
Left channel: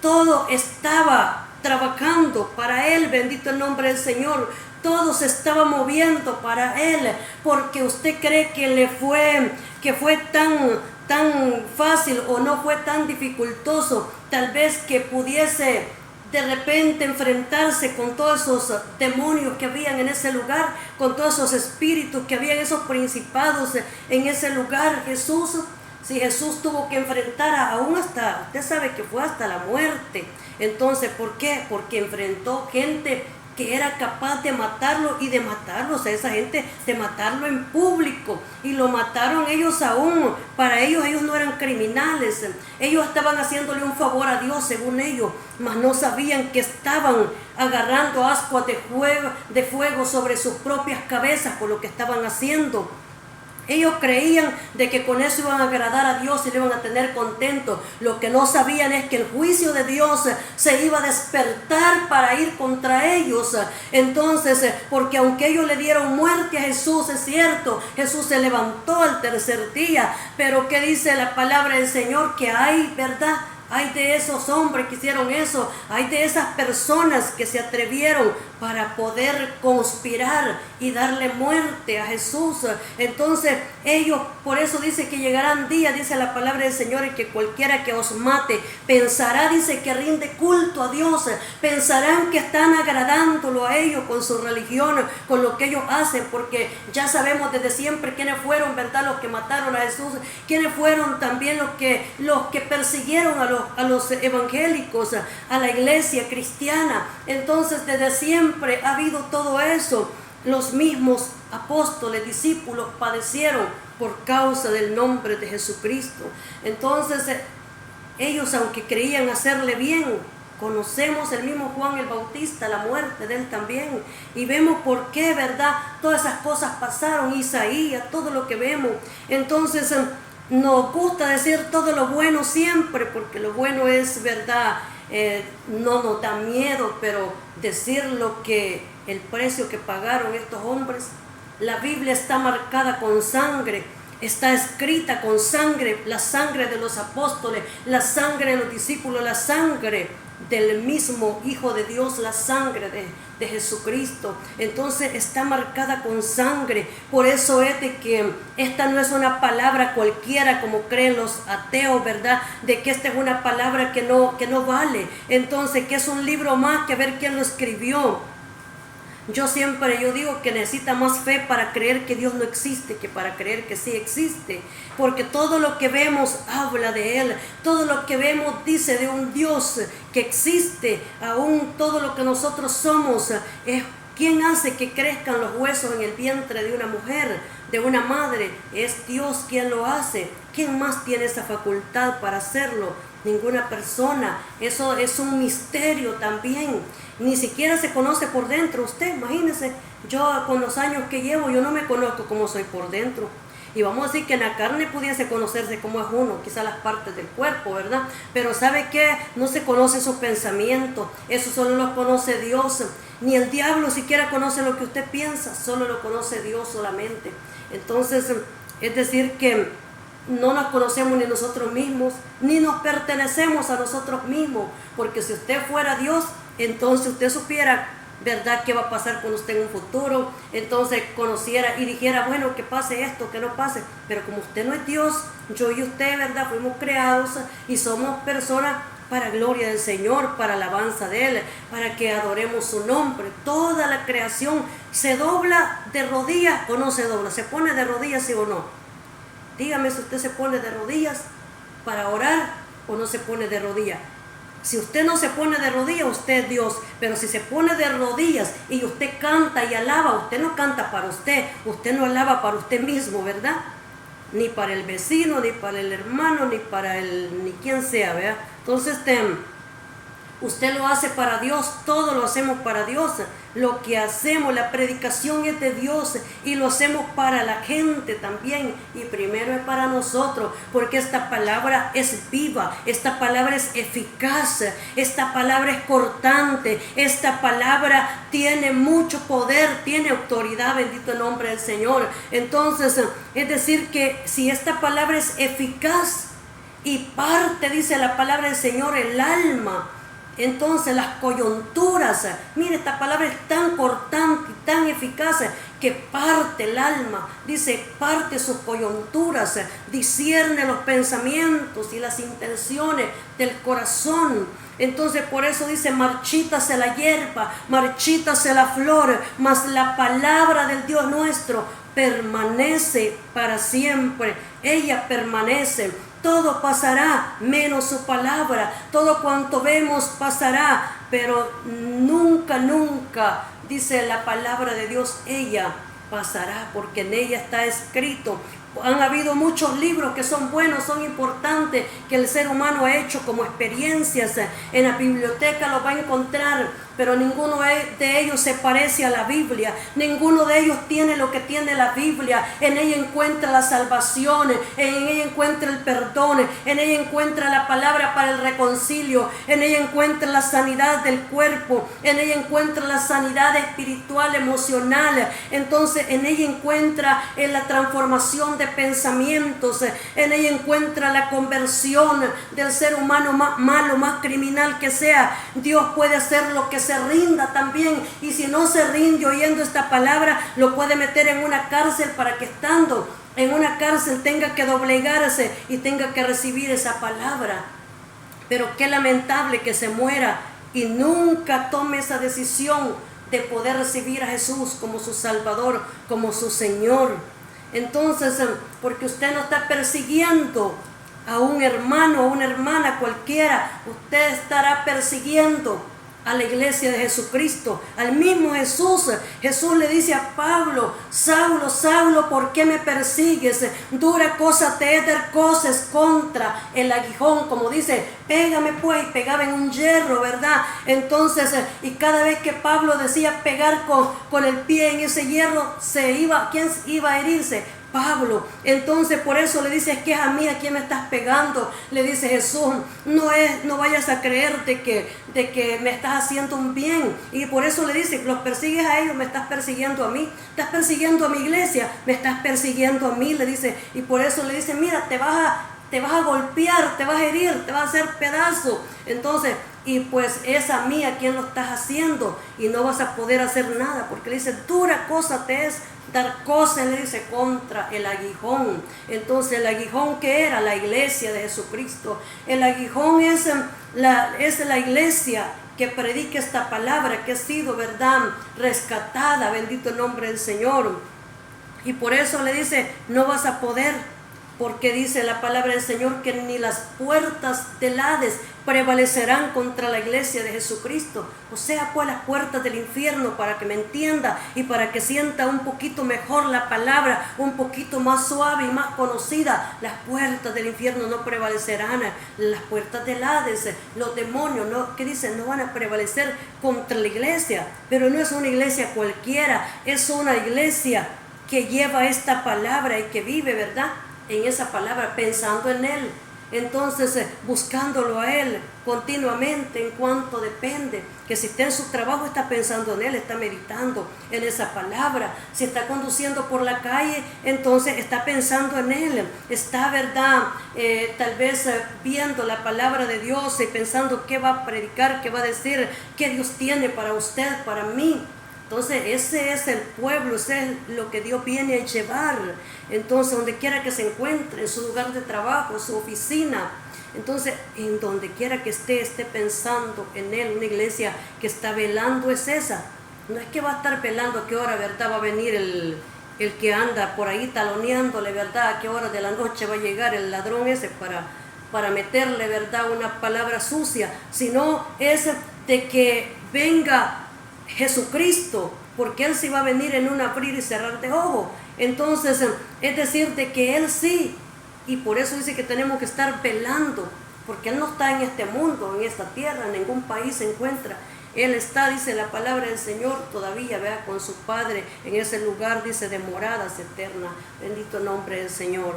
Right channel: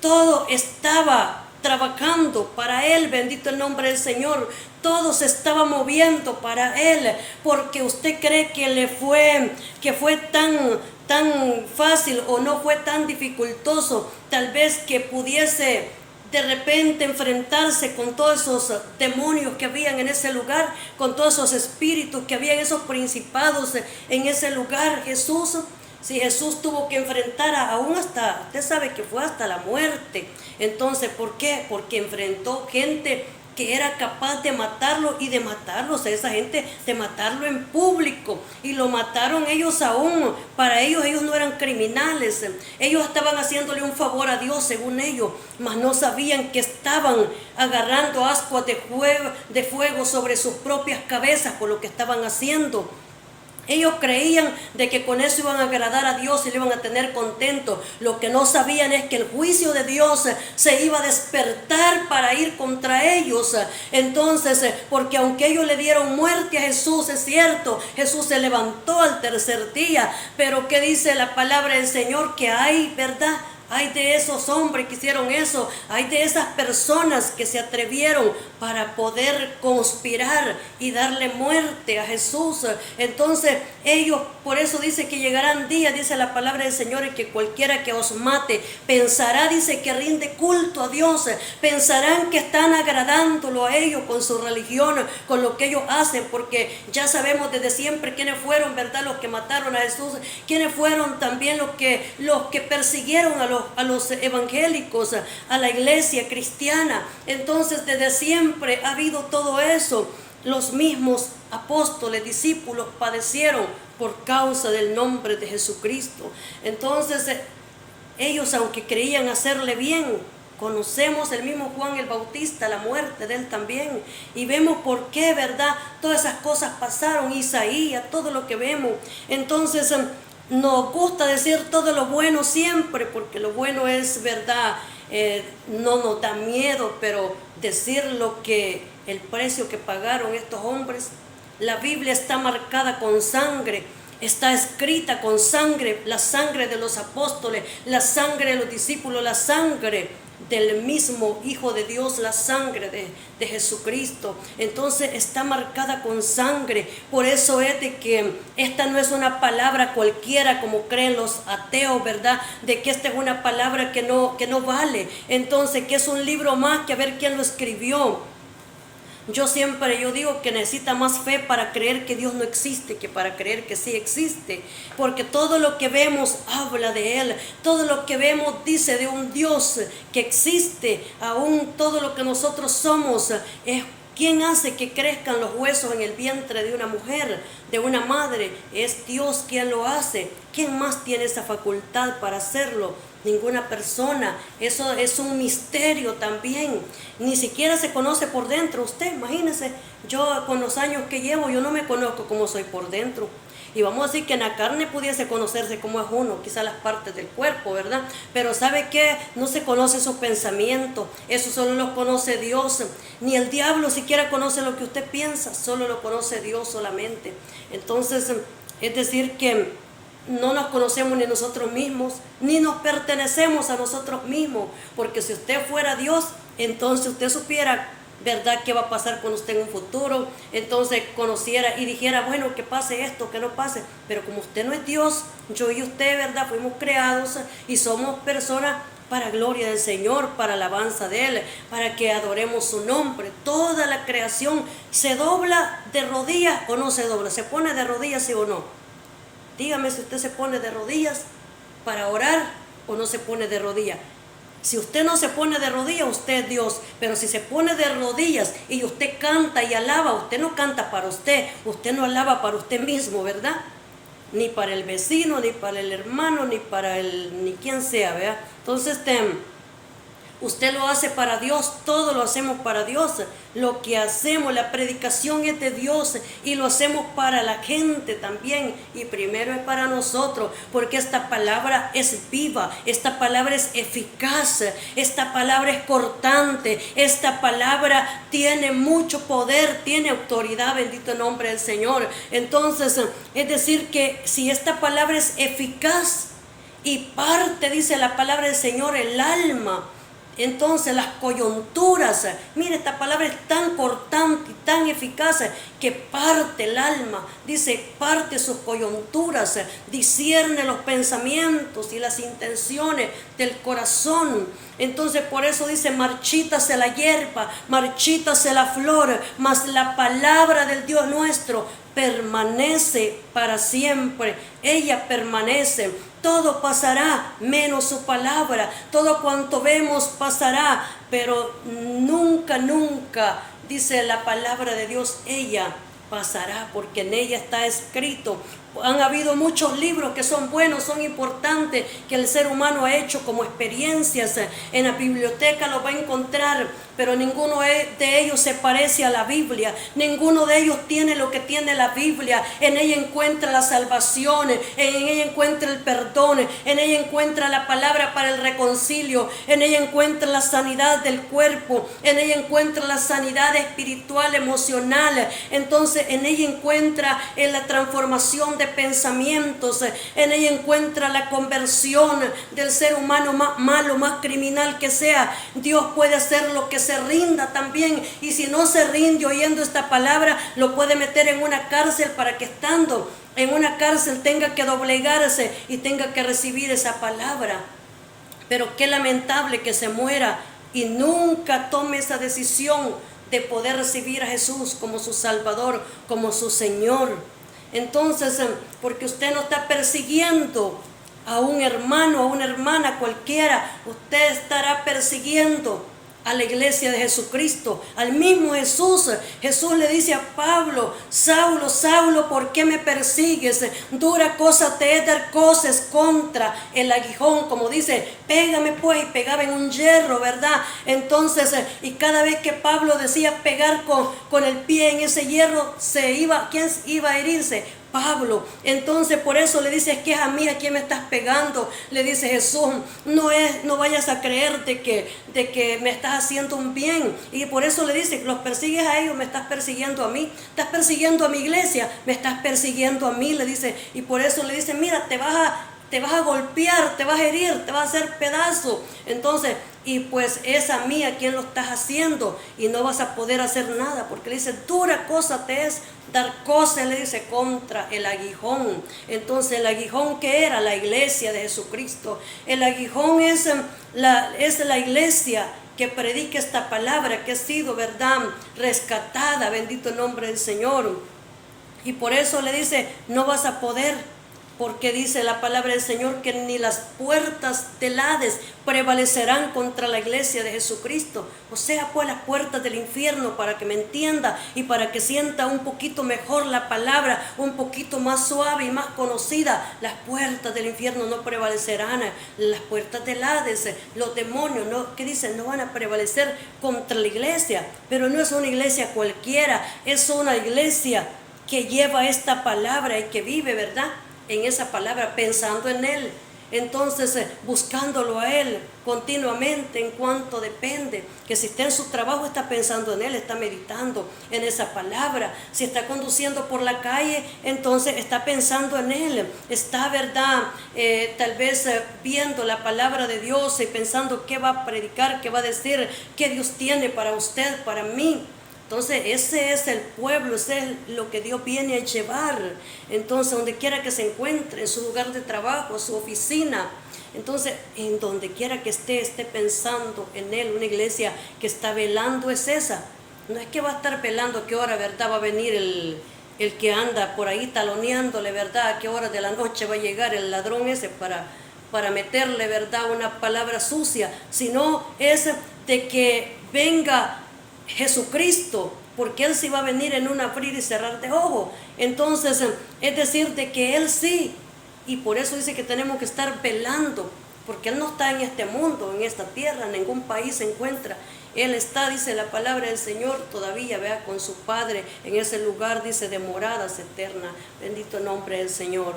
todo estaba trabajando para él, bendito el nombre del Señor. Todo se estaba moviendo para él, porque usted cree que fue tan fácil o no fue tan dificultoso, tal vez que pudiese de repente enfrentarse con todos esos demonios que habían en ese lugar, con todos esos espíritus que habían, esos principados en ese lugar. Si Jesús tuvo que enfrentar aún hasta, usted sabe que fue hasta la muerte. Entonces, ¿por qué? Porque enfrentó gente que era capaz de matarlo y de matarlos a esa gente, de matarlo en público, y lo mataron ellos aún. Para ellos no eran criminales, ellos estaban haciéndole un favor a Dios según ellos, mas no sabían que estaban agarrando ascuas de fuego sobre sus propias cabezas por lo que estaban haciendo. Ellos creían de que con eso iban a agradar a Dios y le iban a tener contento. Lo que no sabían es que el juicio de Dios se iba a despertar para ir contra ellos. Entonces, porque aunque ellos le dieron muerte a Jesús, es cierto, Jesús se levantó al tercer día. Pero ¿qué dice la palabra del Señor? Que hay, ¿verdad?, hay de esos hombres que hicieron eso, hay de esas personas que se atrevieron para poder conspirar y darle muerte a Jesús. Entonces ellos, por eso dice que llegarán días, dice la palabra del Señor, y que cualquiera que os mate pensará, dice, que rinde culto a Dios, pensarán que están agradándolo a ellos con su religión, con lo que ellos hacen, porque ya sabemos desde siempre quiénes fueron, ¿verdad?, los que mataron a Jesús, quiénes fueron también los que persiguieron a los evangélicos, a la iglesia cristiana. Entonces desde siempre ha habido todo eso. Los mismos apóstoles, discípulos, padecieron por causa del nombre de Jesucristo. Entonces ellos, aunque creían hacerle bien, conocemos el mismo Juan el Bautista, la muerte de él también, y vemos por qué, ¿verdad?, todas esas cosas pasaron. Isaías, todo lo que vemos. Entonces nos gusta decir todo lo bueno siempre, porque lo bueno es, ¿verdad?, no nos da miedo, pero decir lo que el precio que pagaron estos hombres. La Biblia está marcada con sangre, está escrita con sangre, la sangre de los apóstoles, la sangre de los discípulos, la sangre del mismo Hijo de Dios, la sangre de Jesucristo. Entonces está marcada con sangre. Por eso es de que esta no es una palabra cualquiera como creen los ateos, ¿verdad?, de que esta es una palabra que no vale. Entonces, que es un libro más, que a ver quién lo escribió. Yo digo que necesita más fe para creer que Dios no existe que para creer que sí existe, porque todo lo que vemos habla de Él, todo lo que vemos dice de un Dios que existe. Aún todo lo que nosotros somos es ¿quién hace que crezcan los huesos en el vientre de una mujer, de una madre? Es Dios quien lo hace. ¿Quién más tiene esa facultad para hacerlo? Ninguna persona. Eso es un misterio también. Ni siquiera se conoce por dentro. Usted, imagínese, yo con los años que llevo, yo no me conozco cómo soy por dentro. Y vamos a decir que en la carne pudiese conocerse cómo es uno, quizás las partes del cuerpo, ¿verdad? Pero ¿sabe qué? No se conoce sus pensamientos, eso solo lo conoce Dios. Ni el diablo siquiera conoce lo que usted piensa, solo lo conoce Dios solamente. Entonces, es decir que no nos conocemos ni nosotros mismos, ni nos pertenecemos a nosotros mismos, porque si usted fuera Dios, entonces usted supiera ¿verdad? ¿Qué va a pasar con usted en un futuro? Entonces conociera y dijera, bueno, que pase esto, que no pase. Pero como usted no es Dios, yo y usted, ¿verdad? Fuimos creados y somos personas para gloria del Señor, para alabanza de Él, para que adoremos su nombre. Toda la creación se dobla de rodillas o no se dobla, se pone de rodillas, sí o no. Dígame si usted se pone de rodillas para orar o no se pone de rodillas. Si usted no se pone de rodillas, usted es Dios. Pero si se pone de rodillas y usted canta y alaba, usted no canta para usted no alaba para usted mismo, ¿verdad? Ni para el vecino, ni para el hermano, ni quien sea, ¿verdad? Entonces, usted lo hace para Dios, todo lo hacemos para Dios. Lo que hacemos, la predicación es de Dios y lo hacemos para la gente también. Y primero es para nosotros, porque esta palabra es viva, esta palabra es eficaz, esta palabra es cortante, esta palabra tiene mucho poder, tiene autoridad, bendito el nombre del Señor. Entonces, es decir que si esta palabra es eficaz y parte, dice la palabra del Señor, el alma, entonces las coyunturas, mire, esta palabra es tan cortante y tan eficaz que parte el alma, dice, parte sus coyunturas, discierne los pensamientos y las intenciones del corazón. Entonces por eso dice, marchítase la hierba, marchítase la flor, mas la palabra del Dios nuestro permanece para siempre. Ella permanece. Todo pasará menos su palabra. Todo cuanto vemos pasará, pero nunca, nunca, dice la palabra de Dios, ella pasará, porque en ella está escrito. Han habido muchos libros que son buenos, son importantes, que el ser humano ha hecho como experiencias. En la biblioteca los va a encontrar, pero ninguno de ellos se parece a la Biblia. Ninguno de ellos tiene lo que tiene la Biblia. En ella encuentra la salvación, en ella encuentra el perdón, en ella encuentra la palabra para el reconcilio, en ella encuentra la sanidad del cuerpo, en ella encuentra la sanidad espiritual, emocional. Entonces en ella encuentra la transformación de pensamientos, en ella encuentra la conversión del ser humano más malo, más criminal que sea. Dios puede hacer lo que se rinda también, y si no se rinde oyendo esta palabra, lo puede meter en una cárcel para que estando en una cárcel tenga que doblegarse y tenga que recibir esa palabra. Pero qué lamentable que se muera y nunca tome esa decisión de poder recibir a Jesús como su Salvador, como su Señor. Entonces, porque usted no está persiguiendo a un hermano, a una hermana cualquiera, usted estará persiguiendo a la iglesia de Jesucristo, al mismo Jesús. Jesús le dice a Pablo, Saulo, Saulo, ¿por qué me persigues? Dura cosa te es dar cosas contra el aguijón, como dice, pégame pues, y pegaba en un hierro, ¿verdad? Entonces, y cada vez que Pablo decía pegar con el pie en ese hierro, ¿quién iba a herirse? Pablo. Entonces por eso le dice, es que es a mí a quien me estás pegando. Le dice Jesús, no vayas a creerte de que me estás haciendo un bien. Y por eso le dice, los persigues a ellos, me estás persiguiendo a mí. Estás persiguiendo a mi iglesia, me estás persiguiendo a mí, le dice. Y por eso le dice, mira, te vas a golpear, te vas a herir, te vas a hacer pedazo. Entonces, y pues es a mí a quien lo estás haciendo, y no vas a poder hacer nada, porque le dice, dura cosa te es dar cosas, le dice, contra el aguijón. Entonces el aguijón, ¿qué era? La iglesia de Jesucristo. El aguijón es la iglesia que predica esta palabra, que ha sido, ¿verdad?, rescatada, bendito el nombre del Señor. Y por eso le dice, no vas a poder, porque dice la palabra del Señor que ni las puertas del Hades prevalecerán contra la iglesia de Jesucristo. O sea, pues las puertas del infierno, para que me entienda y para que sienta un poquito mejor la palabra, un poquito más suave y más conocida, las puertas del infierno no prevalecerán. Las puertas del Hades, los demonios, ¿no? ¿Qué dicen? No van a prevalecer contra la iglesia. Pero no es una iglesia cualquiera, es una iglesia que lleva esta palabra y que vive, ¿verdad?, en esa palabra, pensando en Él. entonces buscándolo a Él continuamente en cuanto depende, que si está en su trabajo está pensando en Él, está meditando en esa palabra, si está conduciendo por la calle, entonces está pensando en Él, está, ¿verdad? Tal vez viendo la palabra de Dios y pensando qué va a predicar, qué va a decir, qué Dios tiene para usted, para mí. Entonces ese es el pueblo, ese es lo que Dios viene a llevar. Entonces donde quiera que se encuentre, en su lugar de trabajo, en su oficina, entonces en donde quiera que esté pensando en Él. Una iglesia que está velando es esa. No es que va a estar velando a qué hora, ¿verdad? Va a venir el que anda por ahí taloneándole, ¿verdad? A qué hora de la noche va a llegar el ladrón ese para meterle, ¿verdad? Una palabra sucia, sino es de que venga Jesucristo, porque Él sí va a venir en un abrir y cerrar de ojos. Entonces, es decir, de que Él sí, y por eso dice que tenemos que estar velando, porque Él no está en este mundo, en esta tierra, en ningún país se encuentra. Él está, dice la palabra del Señor, todavía, vea, con su Padre, en ese lugar, dice, de moradas eternas. Bendito el nombre del Señor.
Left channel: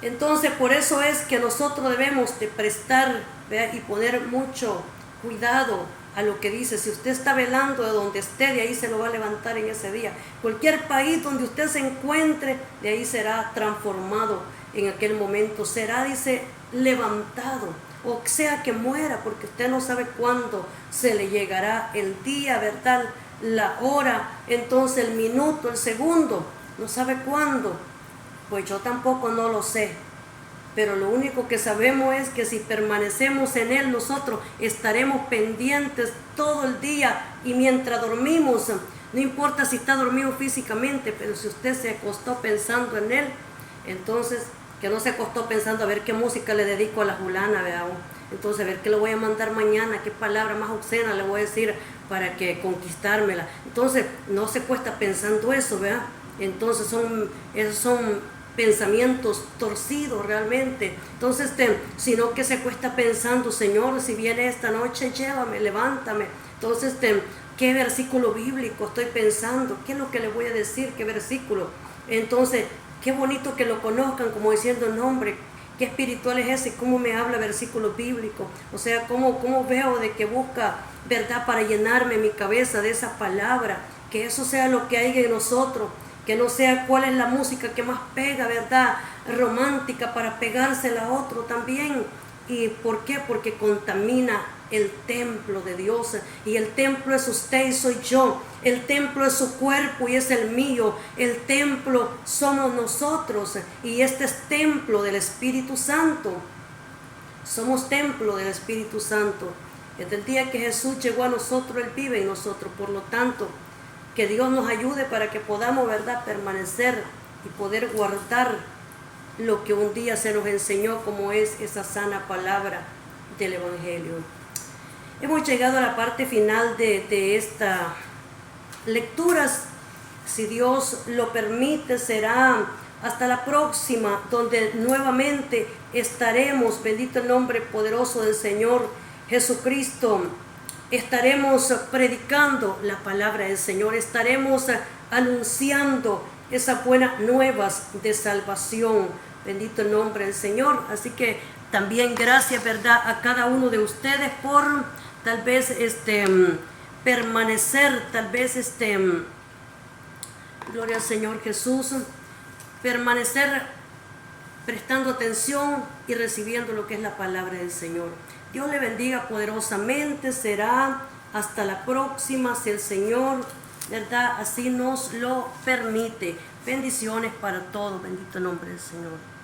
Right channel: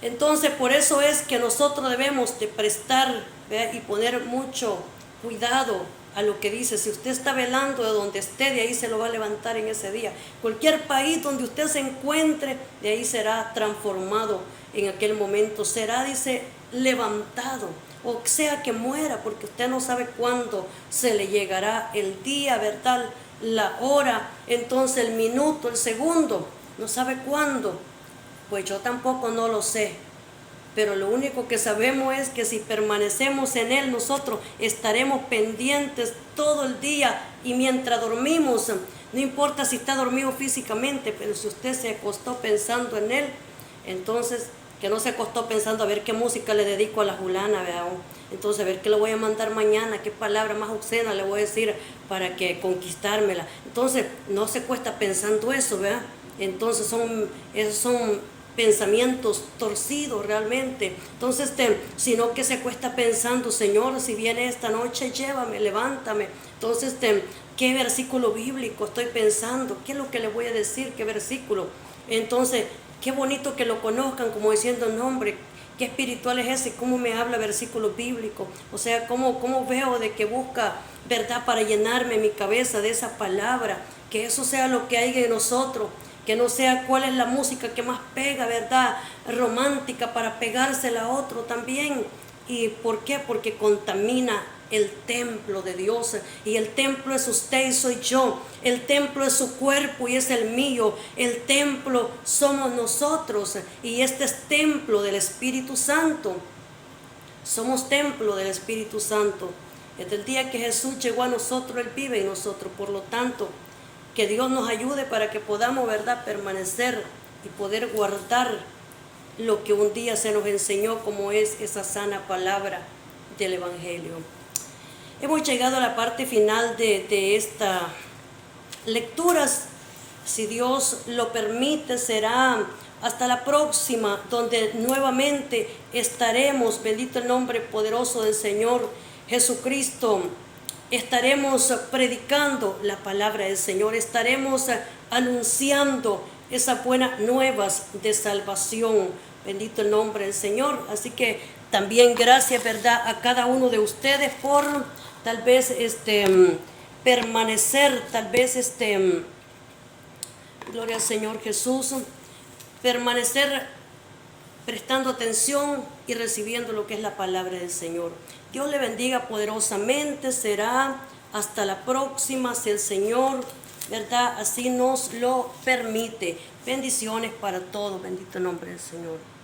Entonces, por eso es que nosotros debemos de prestar, vea, y poner mucho cuidado a lo que dice. Si usted está velando de donde esté, de ahí se lo va a levantar en ese día. Cualquier país donde usted se encuentre, de ahí será transformado en aquel momento. Será, dice, levantado. O sea que muera, porque usted no sabe cuándo se le llegará el día, ¿verdad? La hora, entonces el minuto, el segundo. No sabe cuándo. Pues yo tampoco no lo sé. Pero lo único que sabemos es que si permanecemos en Él, nosotros estaremos pendientes todo el día. Y mientras dormimos, no importa si está dormido físicamente, pero si usted se acostó pensando en Él, entonces que no se acostó pensando a ver qué música le dedico a la fulana, ¿verdad? Entonces a ver qué le voy a mandar mañana, qué palabra más obscena le voy a decir para que conquistármela. Entonces no se acuesta pensando eso, ¿verdad? Entonces son pensamientos torcidos realmente. Entonces, sino que se cuesta pensando, Señor, si viene esta noche, llévame, levántame. Entonces, ¿qué versículo bíblico estoy pensando? ¿Qué es lo que le voy a decir? ¿Qué versículo? Entonces, qué bonito que lo conozcan, como diciendo, no, hombre, qué espiritual es ese, cómo me habla versículos bíblicos. O sea, cómo veo de que busca, ¿verdad?, para llenarme mi cabeza de esa palabra. Que eso sea lo que hay en nosotros. Que no sea cuál es la música que más pega, ¿verdad? Romántica, para pegársela a otro también. ¿Y por qué? Porque contamina el templo de Dios. Y el templo es usted y soy yo. El templo es su cuerpo y es el mío. El templo somos nosotros. Y este es templo del Espíritu Santo. Somos templo del Espíritu Santo. Desde el día que Jesús llegó a nosotros, Él vive en nosotros. Por lo tanto, que Dios nos ayude para que podamos, ¿verdad?, permanecer y poder guardar lo que un día se nos enseñó, como es esa sana palabra del Evangelio. Hemos llegado a la parte final de estas lecturas. Si Dios lo permite, será hasta la próxima, donde nuevamente estaremos, bendito el nombre poderoso del Señor Jesucristo. Estaremos predicando la palabra del Señor, estaremos anunciando esas buenas nuevas de salvación. Bendito el nombre del Señor. Así que también gracias, ¿verdad?, a cada uno de ustedes por tal vez permanecer, tal vez gloria al Señor Jesús, permanecer prestando atención y recibiendo lo que es la palabra del Señor. Dios le bendiga poderosamente. Será hasta la próxima, si el Señor, ¿verdad?, así nos lo permite. Bendiciones para todos. Bendito nombre del Señor.